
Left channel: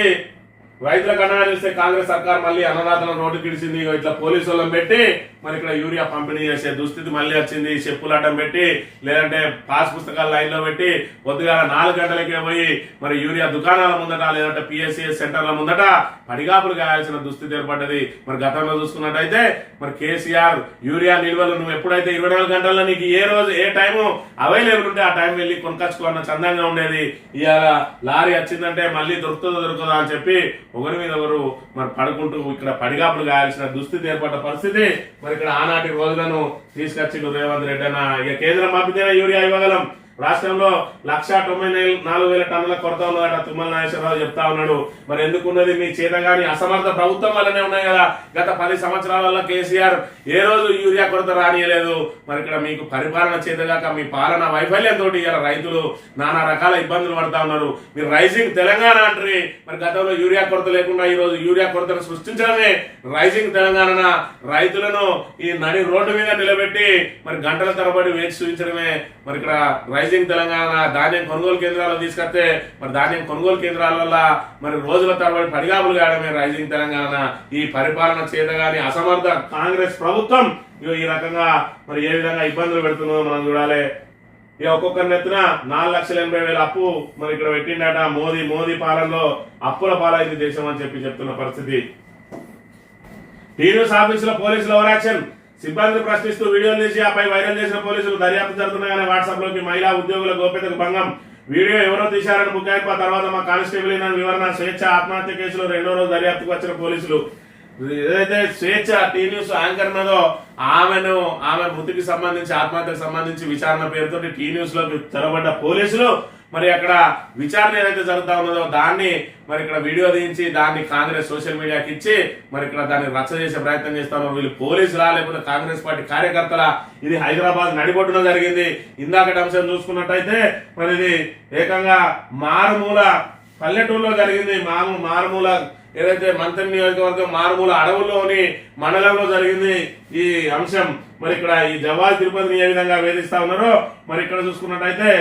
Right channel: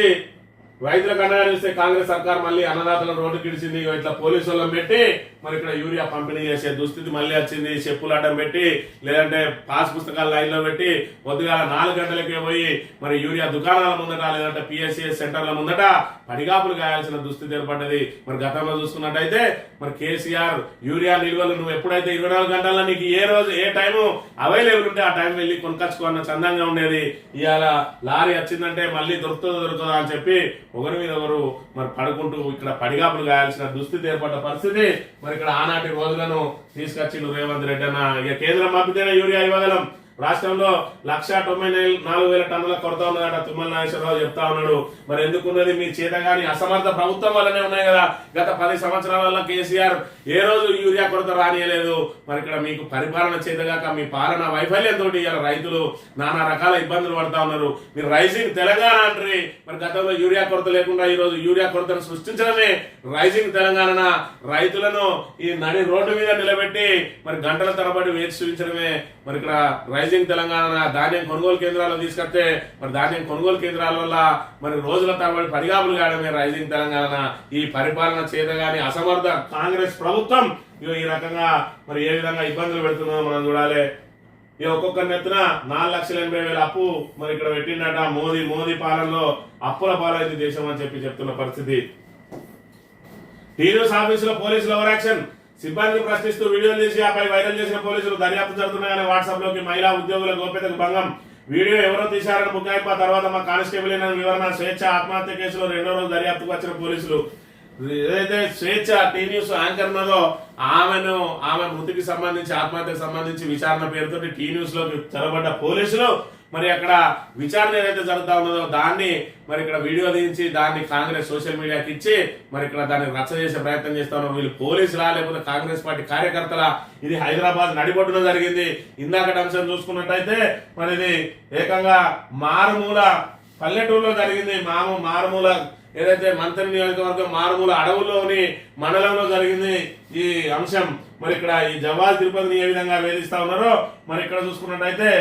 రైతులకు అండగా నిలిస్తే కాంగ్రెస్ సర్కార్ మళ్ళీ అన్నదాతలను రోడ్డుకి ఇడిచింది. ఇట్లా పోలీసు వాళ్ళని పెట్టి మరి ఇక్కడ యూరియా పంపిణీ చేసే దుస్థితి మళ్ళీ వచ్చింది. చెప్పులు అడ్డం పెట్టి లేదంటే పాస్ పుస్తకాలు లైన్ లో పెట్టి పొద్దుగా 4 గంటలకే పోయి మరి యూరియా దుకాణాల ముందట లేదంటే పిఎస్సిఎస్ సెంటర్ల ముందట పడిగాపులు గాయాల్సిన దుస్థితి ఏర్పడ్డది. మరి గతంలో చూసుకున్నట్టయితే మరి కేసీఆర్ యూరియా నిల్వలు నువ్వు ఎప్పుడైతే 24 గంటల్లో నీకు ఏ రోజు ఏ టైము అవైలబుల్ ఉంటే ఆ టైం వెళ్ళి కొనుకొచ్చుకోన్న చందంగా ఉండేది. ఇవాళ లారీ వచ్చిందంటే మళ్ళీ దొరుకుతుందా అని చెప్పి ఒకరి మీద ఒకరు మరి పడుకుంటూ ఇక్కడ పడిగాపులు గాయాల్సిన దుస్థితి ఏర్పడ్డ పరిస్థితి. మరి ఇక్కడ ఆనాటి రోజులను తీసుకొచ్చి రేవంత్ రెడ్డి అన్న ఇక కేంద్రం పంపితేనే యూరియా ఇవ్వగలం. రాష్ట్రంలో 1,94,000 టన్నుల కొరత ఉన్నదట తుమ్మల నాగేశ్వరరావు చెప్తా ఉన్నాడు. మరి ఎందుకున్నది? మీ చేతగాని అసమర్థ ప్రభుత్వం వల్లనే ఉన్నాయి కదా. గత 10 సంవత్సరాల కేసీఆర్ ఏ రోజు యూరియా కొరత రానియలేదు. మరి ఇక్కడ మీకు పరిపాలన చేతగాక మీ పాలన వైఫల్యంతో ఇలా రైతులు నానా రకాల ఇబ్బందులు పడతా ఉన్నారు. మీరు రైజింగ్ తెలంగాణ అంటారు. మరి గతంలో యూరియా కొరత లేకుండా ఈ రోజు యూరియా కొరతను సృష్టించడమే రైజింగ్ తెలంగాణ. రైతులను ఈ నడి రోడ్డు మీద నిలబెట్టి మరి గంటల తరబడి వేచి చూపించడమే మరి ఇక్కడ రైజింగ్ తెలంగాణ. ధాన్యం కొనుగోలు కేంద్రాలు తీసుకొస్తే మరి ధాన్యం కొనుగోలు కేంద్రాల వల్ల మరి రోజుల తరబడి పడిగాపులు కావడమే రైజింగ్ తెలంగాణ. ఈ పరిపాలన చేతగాని అసమర్థ కాంగ్రెస్ ప్రభుత్వం ఈ రకంగా మరి ఏ విధంగా ఇబ్బందులు పెడుతుందో మనం చూడాలి. ఇక ఒక్కొక్కరి నెత్తున 4,80,000 అప్పు మరి ఇక్కడ పెట్టిండట. మోదీ పాలనలో అప్పుల పాలైంది దేశం అని చెప్తున్న పరిస్థితి. టీన్యూస్ ఆఫీసులో పోలీసులు ఓవర్ యాక్షన్. సిబ్బందిని ప్రశ్నిస్తూ వీడియోలు తీసి ఆపై వైరల్ చేసిన పోలీసులు దర్యాప్తు జరుగుతున్నాయని వాట్సాప్ లోకి మహిళా ఉద్యోగుల గోప్యతకు భంగం. వీడియో ఎవరో తీశారని ముఖ్యమైపు ఆ తర్వాత మా కానిస్టేబుల్ వివరణ. స్వేచ్ఛ ఆత్మహత్య కేసులో 2వ రోజు దర్యాప్తుకు వచ్చిన పోలీసులు ఏదైతే స్వేచ్ఛ టీ న్యూస్ యాంకర్ ఉన్నదో ఆమె మృతికి సంబంధించి ఆత్మహత్యకు సంబంధించి విచారణ పేరుతో టీ న్యూస్ లోకి చొరబడ్డ పోలీసులు మరి అక్కడ విచారణ ఏదైతే జరుగుతా ఉన్నదో దాన్ని మరి ఇక్కడ వీడియో తీయించి దాన్ని కాంగ్రెస్ సోషల్ మీడియాకి ఇచ్చి మరి ఇక్కడ దాన్ని రచ్చ చేసే ప్రయత్నం చేస్తా ఉన్నారు. వీళ్ళు పోలీసులా లేకపోతే కాంగ్రెస్ పార్టీ కార్యకర్తల? ఇది హైదరాబాద్ నడిబొడ్డున జరిగింది. ఇందాకటి అంశం చూసుకున్నట్టయితే మరి ఇది ఏకంగా మారుమూల పల్లెటూరులో జరిగింది. మారుమూల ఏదైతే మంత్రి నియోజకవర్గం మారుమూల అడవుల్లోని మండలంలో జరిగింది ఈ అంశం. మరి ఇక్కడ ఈ జవాజ్ తిరుపతిని ఏ విధంగా వేధిస్తా ఉన్నారో మరి ఇక్కడ చూసుకున్నట్టయితే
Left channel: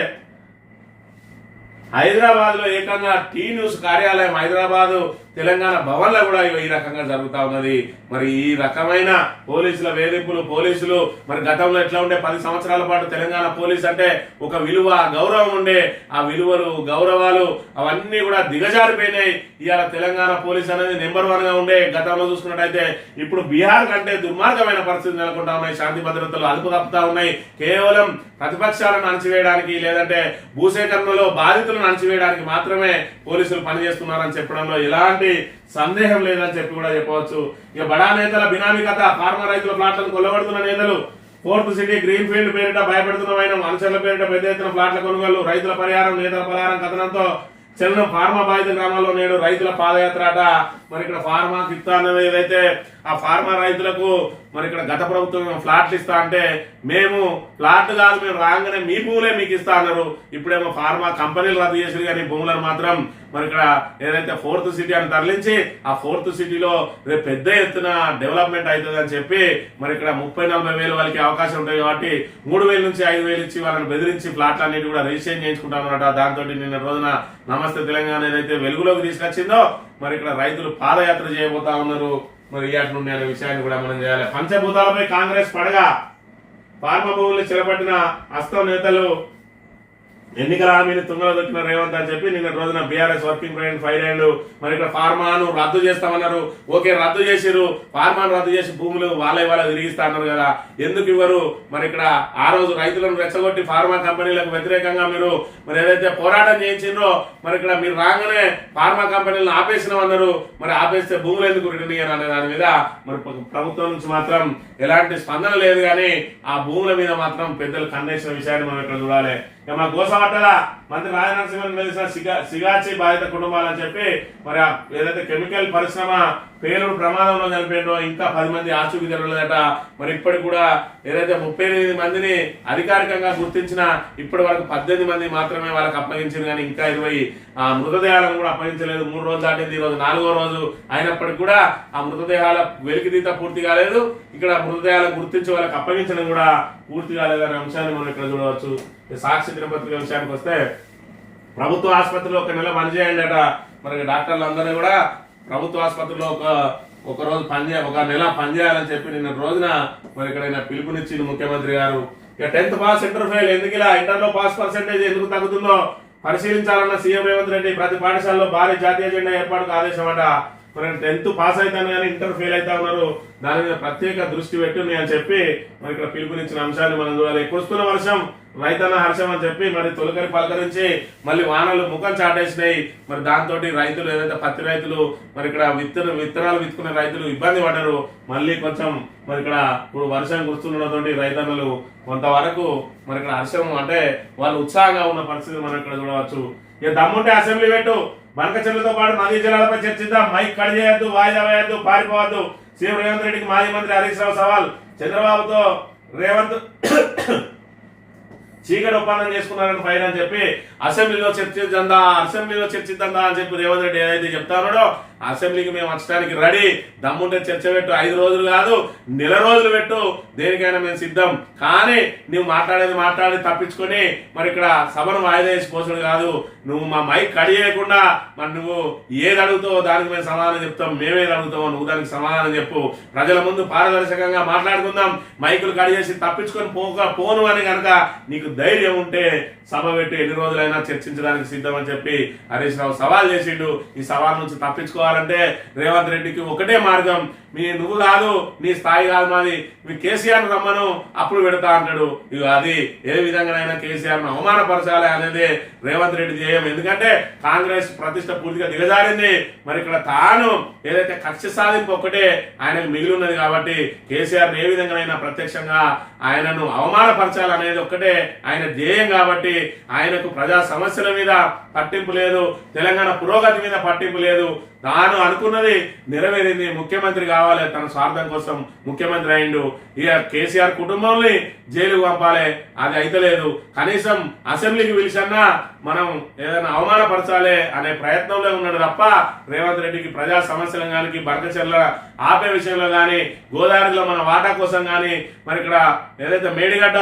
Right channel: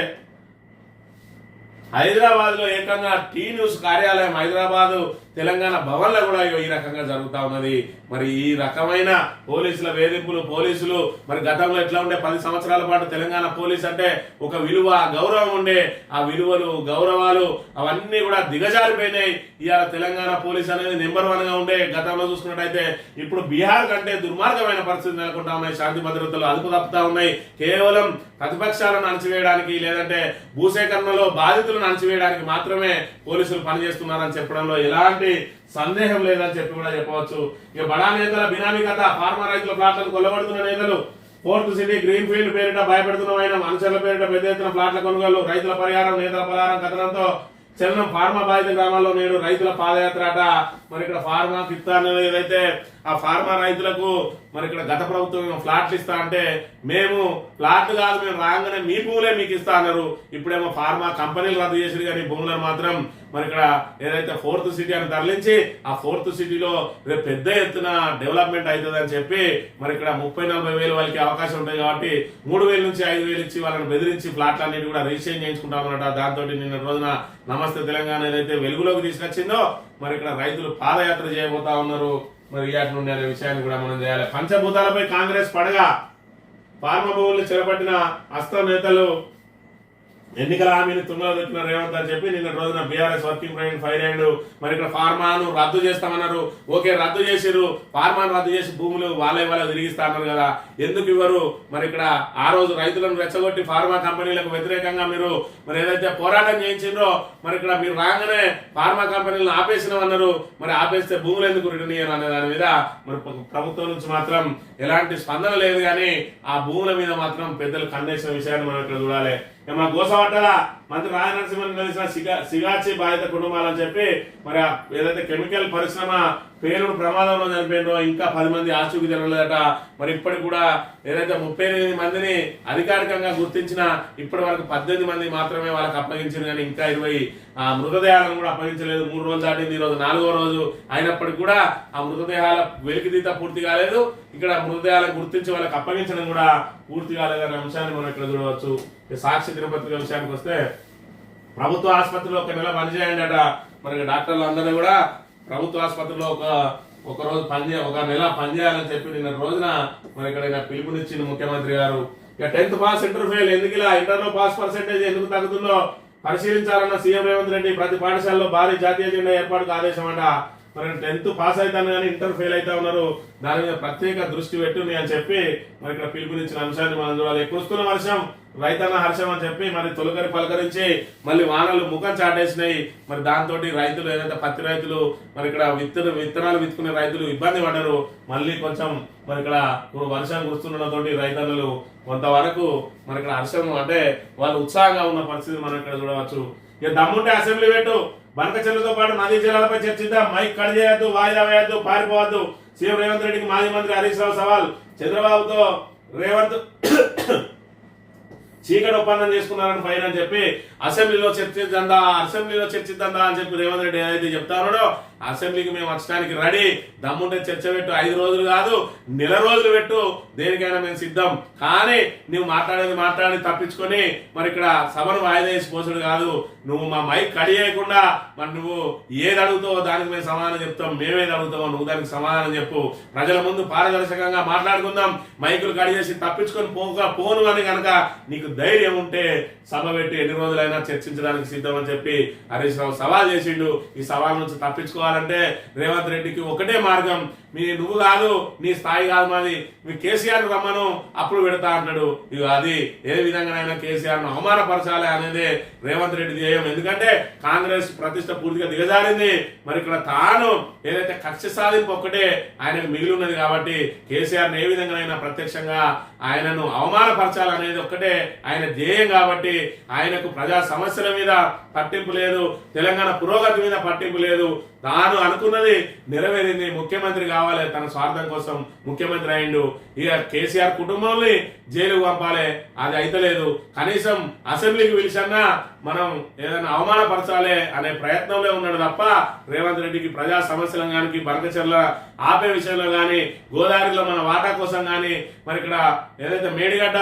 హైదరాబాద్ లో ఏకంగా టీ న్యూస్ కార్యాలయం హైదరాబాద్ తెలంగాణ భవన్ లో కూడా ఈ రకంగా జరుగుతా ఉన్నది. మరి ఈ రకమైన పోలీసుల వేధింపులు, పోలీసులు మరి గతంలో ఎట్లా ఉండే 10 సంవత్సరాల పాటు తెలంగాణ పోలీస్ అంటే ఒక విలువ గౌరవం ఉండే, ఆ విలువలు గౌరవాలు అవన్నీ కూడా దిగజారిపోయినాయి. ఇవాళ తెలంగాణ పోలీస్ అనేది నెంబర్ 1 గా ఉండే గతంలో చూసుకున్నట్టయితే ఇప్పుడు బీహార్ కంటే దుర్మార్గమైన పరిస్థితి నెలకొంటా ఉన్నాయి. శాంతి భద్రతలు అదుపు తప్పుతా ఉన్నాయి. కేవలం ప్రతిపక్షాలను అణచివేయడానికి లేదంటే భూసేకరణలో బాధితులను అణచివేయడానికి మాత్రమే పోలీసులు పనిచేస్తున్నారని చెప్పడంలో ఎలాంటి సందేహం లేదని చెప్పి కూడా చెప్పవచ్చు. ఇక బడా నేతల బినామీ కథ. ఫార్మా రైతుల ప్లాట్లను కొల్లగొడుతున్న నేతలు. 4th సిటీ గ్రీన్ ఫీల్డ్ పేరిట భయపెడుతున్న అనుచరుల పేరిట పెద్ద ఎత్తున ప్లాట్ల కొనుగోలు. రైతుల పరిహారం నేతల పరిహారం కథనంతో చలనం. ఫార్మా బాధిత గ్రామాల్లో నేడు రైతుల పాదయాత్ర అట. మరి ఇక్కడ ఫార్మా ఇస్తా అన్నది ఏదైతే ఆ ఫార్మా రైతులకు మరి ఇక్కడ గత ప్రభుత్వం ఫ్లాట్లు ఇస్తా అంటే మేము ఫ్లాట్లు కాదు మేము రాగానే మీ భూములే మీకు ఇస్తా అన్నారు. ఇప్పుడేమో ఫార్మా కంపెనీలు రద్దు చేసి కానీ భూములను మాత్రం మరి ఇక్కడ ఏదైతే 4th సిటీ అని తరలించి ఆ 4th సిటీలో రేపు పెద్ద ఎత్తున డెవలప్మెంట్ అవుతుంది అని చెప్పి మరి ఇక్కడ 30-40 వేలు వాళ్ళకి అవకాశం ఉంటాయి కాబట్టి 3,000 నుంచి 5,000 ఇచ్చి వాళ్ళని బెదిరించి ఫ్లాట్లు అన్నిటి కూడా రిజిస్ట్రేషన్ చేయించుకుంటామన్నమాట. దాంతో నిన్న రోజున నమస్తే తెలంగాణ ఏదైతే వెలుగులోకి తీసుకొచ్చిందో మరి ఇక్కడ రైతులు పాదయాత్ర చేయబోతా ఉన్నారు. మరి ఇయాటి నుండి అనే విషయాన్ని కూడా మనం చేయాలి. పంచభూతాలపై కాంగ్రెస్ పడగా. ఫార్మా భూముల్ని చెరపట్టిన హస్తం నేతలు. ఎన్నికల హామీని తుంగలో దొక్కిన రేవంత్ అని చెప్పి నిన్న రోజున బీఆర్ఎస్ వర్కింగ్ ప్రెసిడెంట్ ఫైర్ అయ్యాడు. మరి ఇక్కడ ఫార్మాను రద్దు చేస్తామన్నారు. ఓకే రద్దు చేసిరు. ఫార్మాను రద్దు చేసి భూములు వాళ్ళ తిరిగిస్తా అన్నారు కదా, ఎందుకు ఇవ్వరు? మరి ఇక్కడ ఆ రోజు రైతులను రెచ్చగొట్టి ఫార్మా కంపెనీలకు వ్యతిరేకంగా మీరు మరి ఏదైతే పోరాటం చేయించిండ్రో మరి ఇక్కడ మీరు రాగానే ఫార్మా కంపెనీలను ఆపేసినామన్నారు. మరి ఆపేస్తే భూములు ఎందుకు రిటర్న్ ఇయ్యారు అనే దాని మీద మరి ప్రభుత్వం నుంచి మాత్రం ఎలాంటి స్పందన లేదు. కానీ ఆ భూముల మీద మాత్రం పెద్దలు ఖండించిన విషయాన్ని మనం ఇక్కడ చూడాలి. మా గోసవట్టల మంత్రి రాజనరసింహన్ కలిసిన సిగాచి బాధిత కుటుంబాలని చెప్పి మరి ఏదైతే కెమికల్ పరిశ్రమ పేలుడు ప్రమాదంలో చనిపోయినో ఇంకా 10 మంది ఆచూకీ జరగలేదట. మరి ఇప్పటికి కూడా ఏదైతే 38 మందిని అధికారికంగా గుర్తించిన ఇప్పటి వరకు 18 మంది మాత్రమే వాళ్ళకి అప్పగించింది. కానీ ఇంకా 20 మృతదేహాలను కూడా అప్పగించలేదు. 3 రోజులు దాటింది, ఈరోజు 4వ రోజు అయినప్పటికీ కూడా ఆ మృతదేహాల వెలికితీత పూర్తి కాలేదు. ఇక్కడ మృతదేహాలను గుర్తించి వాళ్ళకి అప్పగించడం కూడా పూర్తి కాలేదనే అంశాన్ని మనం ఇక్కడ చూడవచ్చు. సాక్షి దినపత్రిక విషయానికి వస్తే ప్రభుత్వ ఆసుపత్రిలో 1 నెల పనిచేయండి అట. మరి డాక్టర్లు అందరినీ కూడా ప్రభుత్వ ఆసుపత్రిలో ఒక రోజు ఒక నెల పనిచేయాలని చెప్పి నిన్న రోజున మరి ఇక్కడ పిలుపునిచ్చింది ముఖ్యమంత్రి గారు. ఇక 10th పాస్ ఇంటర్ ఫెయిల్ ఎందుకు ఇలా ఇంటర్లో పాస్ పర్సెంటేజ్ ఎందుకు తగ్గుతుందో పరిశీలించాలన్న సీఎం రేవంత్ రెడ్డి ప్రతి పాఠశాలలో భారీ జాతీయ జెండా ఏర్పాటుకు ఆదేశం అట. మరి 10th పాస్ అవుతాను కానీ ఇంటర్ ఫెయిల్ అవుతా ఉన్నారు, దాని మీద ప్రత్యేక దృష్టి పెట్టుంది అని చెప్పి మరి ఇక్కడ పిలుపునిచ్చిన అంశాన్ని మనం చూడాలి. కురుస్తున్న వర్షం రైతన్న హర్షం అని చెప్పి మరి తొలకరి పలకరించి మళ్ళీ వానలు ముఖం చాటేసినాయి. మరి దాంతో రైతులు ఏదైతే పత్తి రైతులు మరి ఇక్కడ విత్తనాలు విత్తుకునే రైతులు ఇబ్బంది పడ్డారు. మళ్ళీ కొంచెం మరి ఇక్కడ ఇప్పుడు వర్షం కురుస్తుండటంతో రైతన్నలు కొంతవరకు మరి ఇక్కడ హర్షం అంటే వాళ్ళు ఉత్సాహంగా ఉన్న పరిస్థితి మనం ఇక్కడ చూడవచ్చు. ఇక దమ్ముంటే అసెంబ్లీ పెట్టు, బనకచెర్లతో పాటు నదీ జలాలపై చర్చిద్దాం, మైక్ కట్ చేయొద్దు, వాయిదా వేయద్దు, పారిపోవద్దు. సీఎం రేవంత్ రెడ్డికి మాజీ మంత్రి హరీష్ రావు సవాల్. చంద్రబాబుతో రేవంత్ చీకటి ఒప్పందం చేసుకున్నారని ఫైన్ అని చెప్పి అసెంబ్లీలో చర్చిద్దా అని చెప్పి రేవంత్ రెడ్డి ఏదైతే చెప్తా ఉన్నాడో అసెంబ్లీకి మేము వచ్చడానికి రెడీ, దమ్ముంటే చర్చ పెట్టు, 5 రోజులు కాదు నెల రోజులు పెట్టు, దేనికైనా మేము సిద్ధం. కానీ నువ్వు మాట్లాడి తప్పించుకొని మరి ఇక్కడ సభను వాయిదా వేసి పోసడు కాదు. నువ్వు మా మైక్ కడి చేయకుండా మరి నువ్వు ఏది అడుగుతావో దానికి మేము సమాధానం చెప్తాం, మేమేది అడుగుతావో నువ్వు దానికి సమాధానం చెప్పు. ప్రజల ముందు పారదర్శకంగా మాట్లాడుకుందాం. మైకులు కడి చేసి తప్పించుకొని పోను అని కనుక నీకు ధైర్యం ఉంటే సభ పెట్టి ఎన్ని రోజులైనా చర్చించడానికి సిద్ధం అని చెప్పి హరీష్ రావు సవాల్ చేసిండు. ఈ సవాల్ నుంచి తప్పించుకోవాలంటే రేవంత్ రెడ్డికి ఒకటే మార్గం, నువ్వు కాదు, నీ స్థాయి కాదు మాది, మీ కేసీఆర్ రమ్మను అప్పుడు పెడతా అంటాడు. ఇక అది ఏ విధంగానైనా కేసీఆర్ ను అవమానపరచాలి అనేది రేవంత్ రెడ్డి ధ్యేయం. ఎందుకంటే కాంగ్రెస్ ప్రతిష్ట పూర్తిగా దిగజారింది. మరి ఇక్కడ తాను ఏదైతే కక్ష సాధింపు ఒక్కటే ఆయనకు మిగిలి ఉన్నది కాబట్టి కేసీఆర్ ఏ విధంగానైనా ప్రత్యక్షంగా ఆయనను అవమానపరచాలి అనేది ఒక్కటే ఆయన ధ్యేయం. కాబట్టి ఆయనకు ప్రజా సమస్యల మీద పట్టింపు లేదు, తెలంగాణ పురోగతి మీద పట్టింపు లేదు. తాను అనుకున్నది నెరవేరింది, ముఖ్యమంత్రి కావాలి, తన స్వార్థం కోసం ముఖ్యమంత్రి అయిండు. ఇక కేసీఆర్ కుటుంబాన్ని జైలుకు పంపాలి, అది అయితలేదు. కనీసం అసెంబ్లీకి పిలిచన్నా మనం ఏదైనా అవమానపరచాలి అనే ప్రయత్నంలో ఉన్నాడు తప్ప రేవంత్ రెడ్డికి ప్రజా సమస్యలు కానీ, బనకచెర్ల ఆపే విషయంలో కానీ, గోదావరిలో మన వాటా కోసం కానీ, మరి ఇక్కడ ఏదైతే మేడిగడ్డ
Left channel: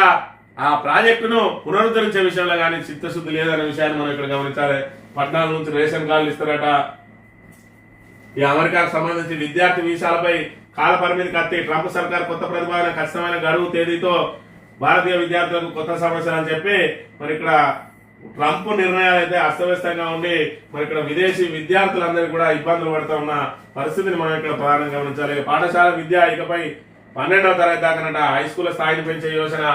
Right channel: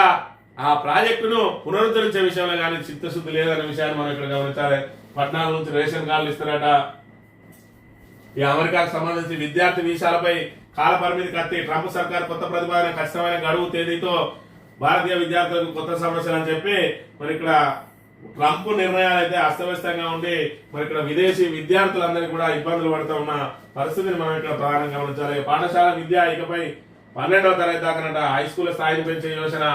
ఆ ప్రాజెక్టును పునరుద్ధరించే విషయంలో కానీ చిత్తశుద్ధి లేదనే విషయాన్ని మనం ఇక్కడ గమనించాలి. 14 నుంచి రేషన్ కార్డులు ఇస్తారట. ఈ అమెరికాకు సంబంధించి విద్యార్థి వీసాలపై కాల పరిమితి కత్తి, ట్రంప్ సర్కార్ కొత్త ప్రతిపాదన, ఖచ్చితమైన గడువు తేదీతో భారతీయ విద్యార్థులకు కొత్త సమస్యలు అని చెప్పి మరి ఇక్కడ ట్రంప్ నిర్ణయాలు అయితే అస్తవ్యస్తంగా ఉండి మరి ఇక్కడ విదేశీ విద్యార్థులందరికీ కూడా ఇబ్బందులు పడుతూ ఉన్న పరిస్థితిని మనం ఇక్కడ ప్రధానంగా గమనించాలి. పాఠశాల విద్య ఇకపై 12వ తరగతి దాకా హై స్కూల్ స్థాయిని పెంచే యోజన,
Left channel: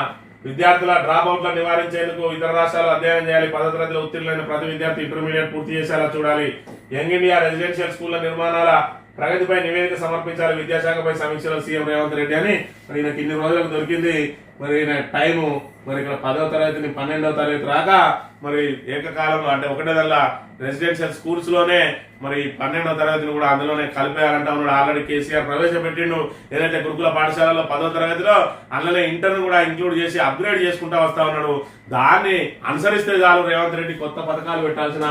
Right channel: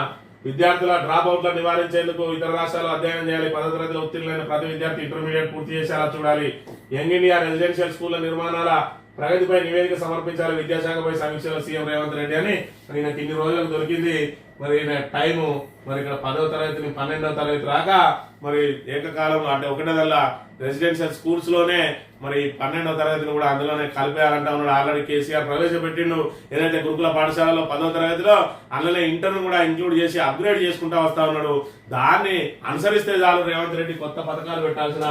విద్యార్థుల డ్రాప్ అవుట్లను నివారించేందుకు ఇతర రాష్ట్రాలు అధ్యయనం చేయాలి. 10వ తరగతిలో ఉత్తీర్ణులైన ప్రతి విద్యార్థి ఇంటర్మీడియట్ పూర్తి చేసేలా చూడాలి. యంగ్ ఇండియా రెసిడెన్షియల్ స్కూళ్ల నిర్మాణాల ప్రగతిపై నివేదిక సమర్పించాలి. విద్యాశాఖపై సమీక్షలో సీఎం రేవంత్ రెడ్డి అని మరి నాకు ఇన్ని రోజులకు దొరికింది. మరి టైము మరి ఇక్కడ 10వ తరగతిని 12వ తరగతి రాగా మరి ఏకకాలం అంటే ఒకటేదల్లా రెసిడెన్షియల్ స్కూల్స్ లోనే మరి 12వ తరగతిని కూడా అందులోనే కలిపేయాలంటా ఉన్నాడు. ఆల్రెడీ కేసీఆర్ ప్రవేశపెట్టిండు. ఏదైతే గురుకుల పాఠశాలలో 10వ తరగతిలో అందులోనే ఇంటర్ను కూడా ఇంక్లూడ్ చేసి అప్గ్రేడ్ చేసుకుంటా వస్తా ఉన్నాడు. దాన్ని అనుసరిస్తే చాలు, రేవంత్ రెడ్డి కొత్త పథకాలు పెట్టాల్సిన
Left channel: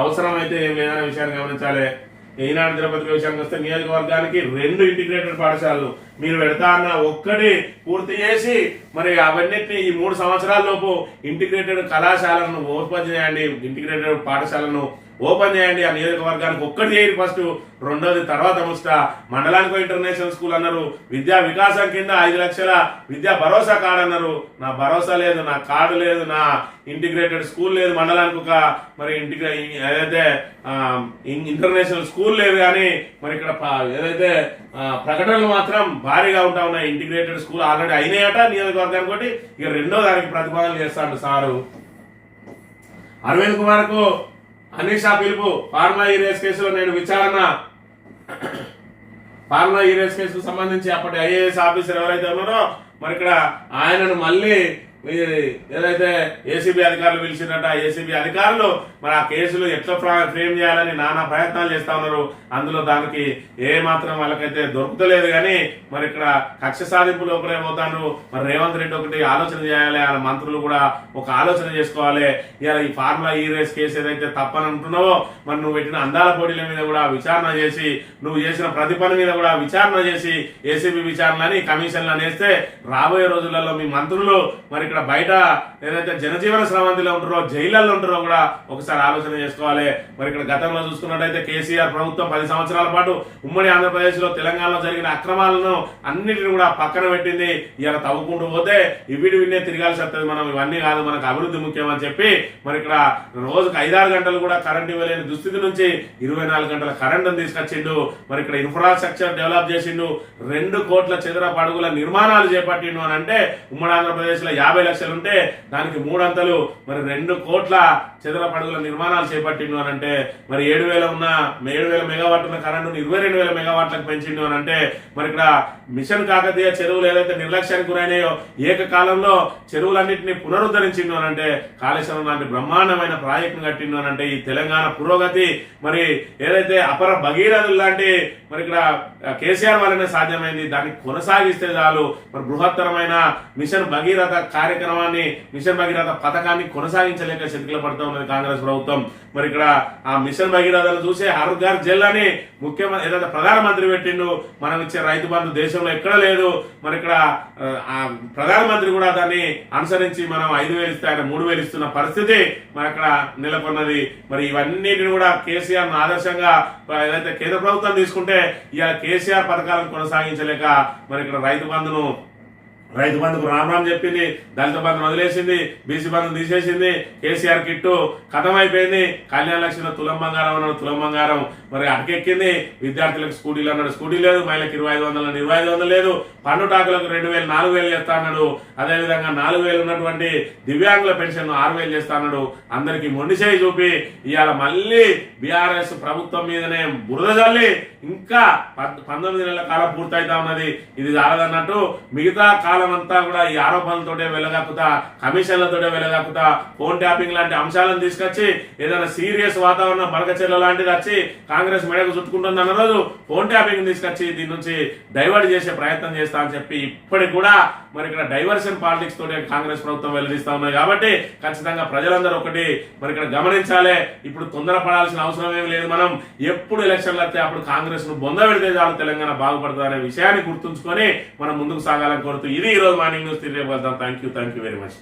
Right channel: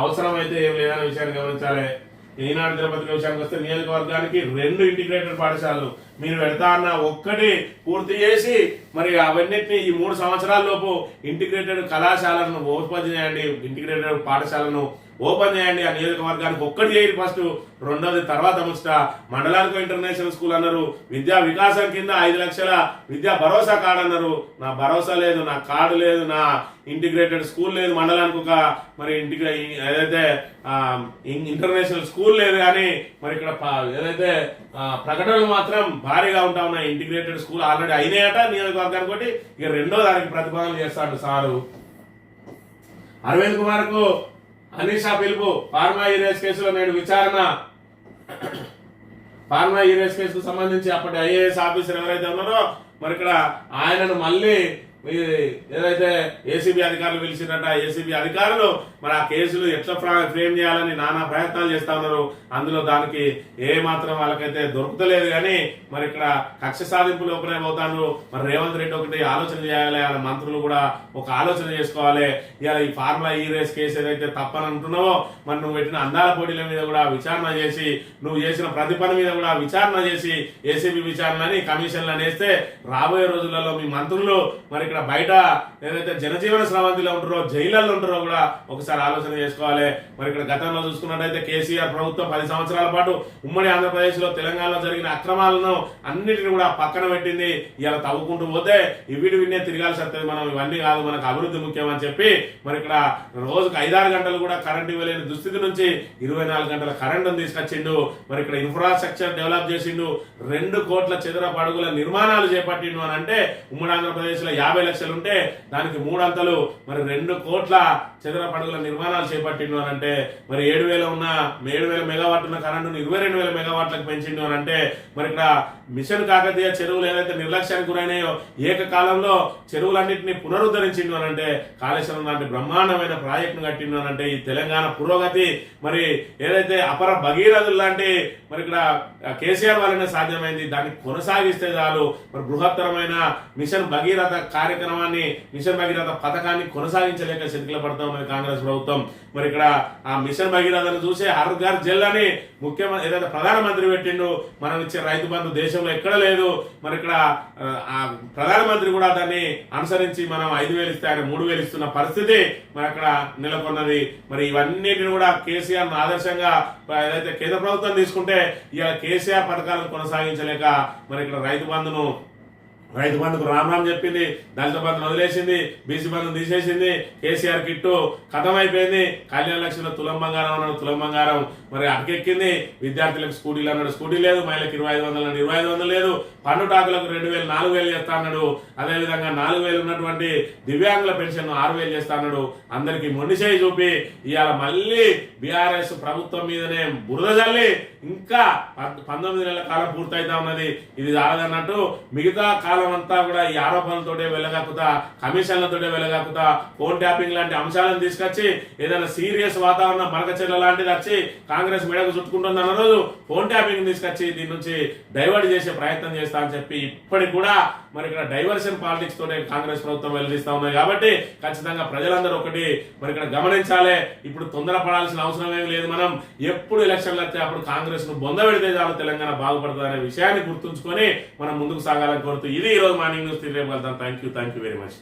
అవసరం అయితే ఏం లేదనే విషయాన్ని గమనించాలి. ఈనాడు తిరుపతి విషయానికి వస్తే నియోజకవర్గానికి 2 ఇంటిగ్రేటెడ్ పాఠశాలలు మీరు పెడతా అన్న ఒక్కటి పూర్తి చేసి మరి అవన్నిటిని ఈ 3 సంవత్సరాల లోపు ఇంటిగ్రేటెడ్ కళాశాలను ఓపెన్ చేయండి, ఇంటిగ్రేటెడ్ పాఠశాలను ఓపెన్ చేయండి. ఆ నియోజకవర్గానికి ఒక్కటి చేయరు ఫస్ట్, రెండోది తర్వాత ముచ్చట. మండలానికి ఇంటర్నేషనల్ స్కూల్ అన్నారు, విద్యా వికాసం కింద 5 లక్షల విద్యా భరోసా కార్డు అన్నారు. నా భరోసా లేదు, నా కార్డు లేదు, నా ఇంటిగ్రేటెడ్ స్కూల్ లేదు, మండలానికి ఒక మరి ఏదైతే ఇంటర్నేషనల్ స్కూల్ లేదు. కానీ మరి ఇక్కడ ఏదైతే ప్రకటనలు మాత్రం భారీగా ఉంటా ఉన్నాయి. ఇంటిగ్రేటెడ్ స్కూల్ ఆల్రెడీ అయినాయట నియోజకవర్గానికి ఒకటి, ఇక రెండో దానికి ప్రతిపాదన చేస్తాడు సారు. అరవింద్ కుమార్ కు అనీషా పిలుపు, ఫార్మా యూరియస్ కేసులో నేను విచారణ. ఫార్మా యూరియస్ కేసుకు సంబంధించి అప్పటి ఐఏఎస్ ఆఫీసర్ ఎవరైతే ఉన్నారో మరి ఇక్కడ ఆయనను మళ్ళీ ఏదైతే ఏసీబీ అధికారులు పిలిచినట్ట, ఏసీబీ అధికారులు మరి ఆ కేసులు ఎట్లా ఫ్రేమ్ చేయాలని నానా ప్రయత్నాలు చేస్తా ఉన్నారు. అందులో దానికి ఏ మాత్రం వాళ్ళకైతే దొరుకుతలేదు. కానీ మరి ఇక్కడ కక్ష సాధింపు లోపలే పోతాడు. మరి రేవంత్ రెడ్డి ఒకటి ఆలోచన చేయాలి, వాళ్ళ మంత్రులు కూడా ఒక ఆలోచన చేసుకోవాలి. ఇలా ఈ ఫార్ములా ఈ రేస్ కేసు ఏదైతే తప్పని అంటున్నావో మరి నువ్వు పెట్టిన అందాల పోటీల మీద కూడా విచారణ చేసి, నువ్వు చేసిన ప్రతి పని మీద కూడా విచారణ చేసి ఏసీబీ విచారణని కమిషన్లు అనేస్తే రాబోయే రోజులలో మీ మంత్రులు మరి ఇక్కడ బయట ఏదైతే జనజీవన స్రవంతిలో ఉంటారో జైళ్ళల్లో ఉంటారో కూడా ఒకసారి ఆలోచన చేసుకోవాలి. మరి ఇక్కడ గతంలో చూసుకున్నట్టయితే కేసీఆర్ ప్రభుత్వం 10 సంవత్సరాల పాటు ఉమ్మడి ఆంధ్రప్రదేశ్ లో తెలంగాణలో జరిగిన అక్రమాలను అన్నిటిని కూడా పక్కన పెట్టింది. ఇలా తవ్వుకుంటూ పోతే ఇవిడి విన్నే తిరగాల్సి వస్తుంది. మనం ఇవన్నీ కాదు, మనకు అభివృద్ధి ముఖ్యం అని చెప్పి మరి ఇక్కడ రోజుకు 5-6 గంటలు కూడా కరెంట్ ఇవ్వలేని దుస్థితి నుంచి 24 గంటల కరెంటును తీసుకొచ్చిండు. మరి ఇక్కడ ఇన్ఫ్రాస్ట్రక్చర్ డెవలప్ చేసిండు. 2 కోట్ల చదరపు అడుగుల నిర్మాణాలు చేపట్టిండు అని అంటే ఉమ్మడి ఆంధ్రప్రదేశ్ లో 50 లక్షలు ఉంటే దానికి 3 అంతలు మరి 2 కోట్ల చదరపు అడుగుల నిర్మాణాలు చేపట్టిండు అని అంటే మరి 7,000 మెగావాట్ ఉన్న కరెంటును 22,000 మెగావాట్లకు పెంచిండు అని అంటే మరి ఇక్కడ మిషన్ కాకతీయ చెరువులు ఏదైతే నిర్లక్ష్యానికి గురైనాయో ఏకకాలంలో చెరువులన్నింటినీ పునరుద్ధరించిండు అని అంటే కాళేశ్వరం లాంటి బ్రహ్మాండమైన ప్రాజెక్టును కట్టిండు అని అంటే ఈ తెలంగాణ పురోగతి మరి ఏదైతే అపర భగీరథులు లాంటి మరి ఇక్కడ కేసీఆర్ వల్లనే సాధ్యమైంది. దాన్ని కొనసాగిస్తే చాలు. మరి బృహత్తరమైన మిషన్ భగీరథ కార్యక్రమాన్ని, మిషన్ భగీరథ పథకాన్ని కొనసాగించలేక చతికిల పడుతూ ఉన్నది కాంగ్రెస్ ప్రభుత్వం. మరి ఇక్కడ ఆ మిషన్ భగీరథను చూసే హర్ ఘర్ జల్ అని ముఖ్యమంత్రి ఏదైతే ప్రధానమంత్రి పెట్టిండు. మనం ఇచ్చే రైతు బంధు దేశంలో ఎక్కడ లేదు. మరి ఇక్కడ ఆ ప్రధానమంత్రి కూడా దాన్ని అనుసరించి మనం 5,000 ఇస్తే ఆయన 3,000 ఇస్తున్న పరిస్థితి మరి అక్కడ నెలకొన్నది. మరి ఇవన్నిటిని కూడా కేసీఆర్ ఆదర్శంగా ఏదైతే కేంద్ర ప్రభుత్వం తీసుకుంటే ఇవాళ కేసీఆర్ పథకాలను కొనసాగించలేక మరి ఇక్కడ రైతు బంధుకు రామ్ చెప్పింది, దళిత బంధును వదిలేసింది, బీసీ బంధును తీసేసింది, కేసీఆర్ కిట్టు ఖతం అయిపోయింది, కళ్యాణ లక్ష్మిలో తులం బంగారం అన్నాడు, తులం బంగారం మరి అటకెక్కింది, విద్యార్థులకు స్కూటీలు అన్నాడు, స్కూటీ లేదు, మహిళలకు 2,500 అన్నాడు, 2,500 లేదు, పన్ను టాకులకు 2,000 4,000 చేస్తా అన్నాడు. అదేవిధంగా 4,000 ఉన్నటువంటి దివ్యాంగుల పెన్షన్ 6,000 చేస్తా అన్నాడు. అందరికి మొండిచేయి చూపి ఇవాళ మళ్ళీ బీఆర్ఎస్ ప్రభుత్వం మీదనే బురద జల్లి ఇంకా 19 నెలల కాలం పూర్తయితా ఉన్నది. ఇది చాలదన్నట్టు మిగతా కాలం అంతా కూడా ఈ ఆరోపణలతోటే వెళ్ళగాకుతా, కమిషన్లతోటే వెళ్ళగాకుతా, ఫోన్ ట్యాపింగ్ లాంటి అంశాలను తీసుకొచ్చి ఏదైనా సీరియస్ వాతావరణం మనకచెర్ల లాంటిది వచ్చి కాంగ్రెస్ మెడకు చుట్టుకుంటుంది అన్న రోజు ఫోన్ ట్యాపింగ్ తీసుకొచ్చి దీని నుంచి డైవర్ట్ చేసే ప్రయత్నం చేస్తా అని చెప్పి ఇప్పటికి కూడా మరి ఇక్కడ డైవర్షన్ పాలిటిక్స్ తోటే కాంగ్రెస్ ప్రభుత్వం వెల్లడిస్తా ఉన్నాయి. కాబట్టి ఖచ్చితంగా ప్రజలందరూ ఒకటి మరి ఇక్కడ గమనించాలి. ఇప్పుడు తొందరపడాల్సిన అవసరం ఏం లేదు. మనం ఎప్పుడు ఎలక్షన్లు వస్తే అప్పుడు కాంగ్రెస్ ను బొంద పెడితే చాలు తెలంగాణ బాగుపడుతుంది అనే విషయాన్ని గుర్తుంచుకొని మనం ముందుకు సాగాలని కోరుతూ ఇది ఈ రోజు మార్నింగ్ న్యూస్. తిరిగి వెళ్తాం. Thank you very much.